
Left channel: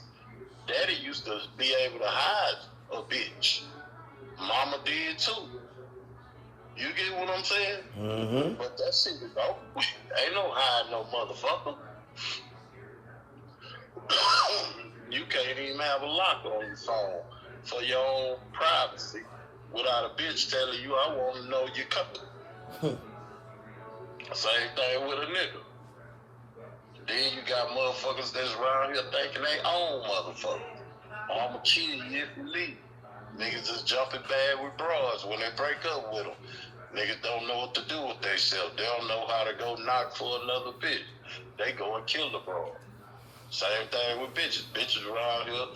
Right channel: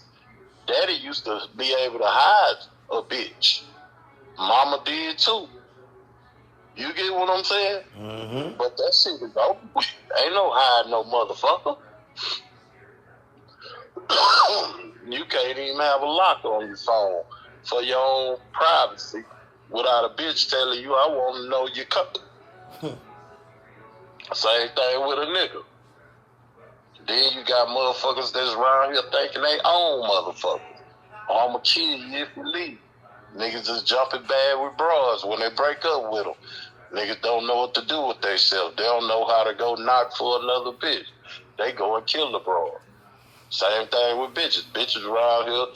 Daddy used to be able to hide a bitch. Mama did too. You get what I'm saying? Mm-hmm. But that shit is over. Ain't no hide no motherfucker. You can't even have a lock on your phone for your own privacy without a bitch telling you, I want to know you coming. Same thing with a nigga. Then you got motherfuckers that's around here thinking they own motherfuckers. I'ma kill you if you leave. Niggas just jumping bad with bras when they break up with them. Niggas don't know what to do with themselves. They don't know how to go knock for another bitch. They go and kill the bra. Same thing with bitches. Bitches around here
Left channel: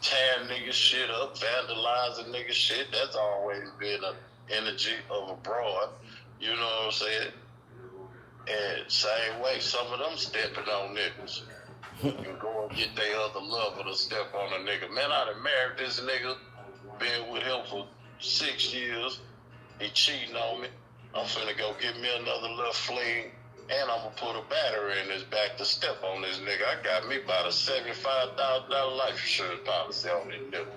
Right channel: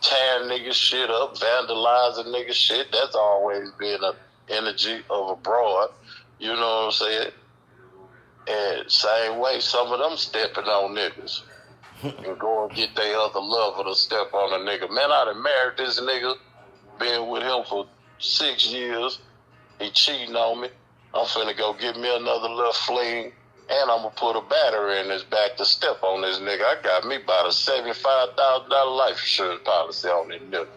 tearing niggas shit up, vandalizing niggas shit. That's always been an energy of a broad. You know what I'm saying? And same way, some of them stepping on niggas. And go and get their other lover to step on a nigga. Man, I done married this nigga, been with him for 6 years. He cheating on me. I'm finna go get me another little fling, and I'm gonna put a battery in his back to step on this nigga. I got me about a $75,000 life insurance policy on this nigga.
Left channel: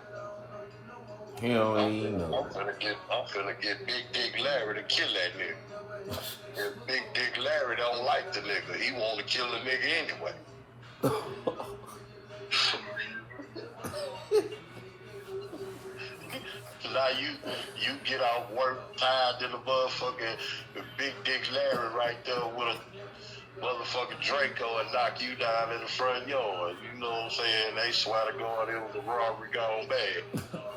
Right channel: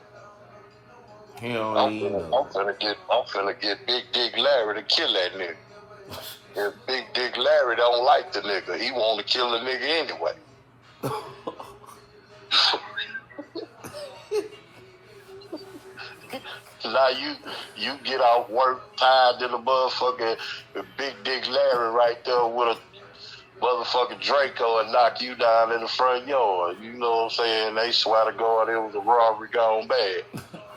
He don't even know. I'm finna get Big Dick Larry to kill that nigga. If Big Dick Larry don't like the nigga, he want to kill the nigga anyway. Now you get off work tired than a motherfucker, Big Dick Larry right there with a motherfucking Draco and knock you down in the front yard. You know what I'm saying? They swear to God it was a robbery gone bad.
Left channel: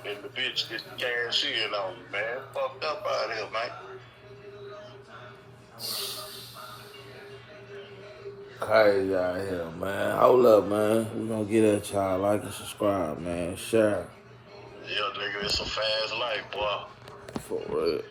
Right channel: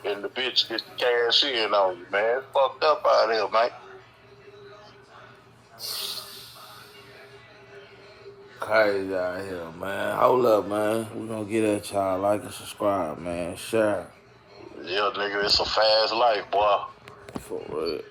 And the bitch gets the cash in on you, man. It's fucked up out here, man. Crazy out here, man. Hold up, man. We gonna get at y'all. Like and subscribe, man. Share. Yeah, nigga, it's a fast life, boy. For real.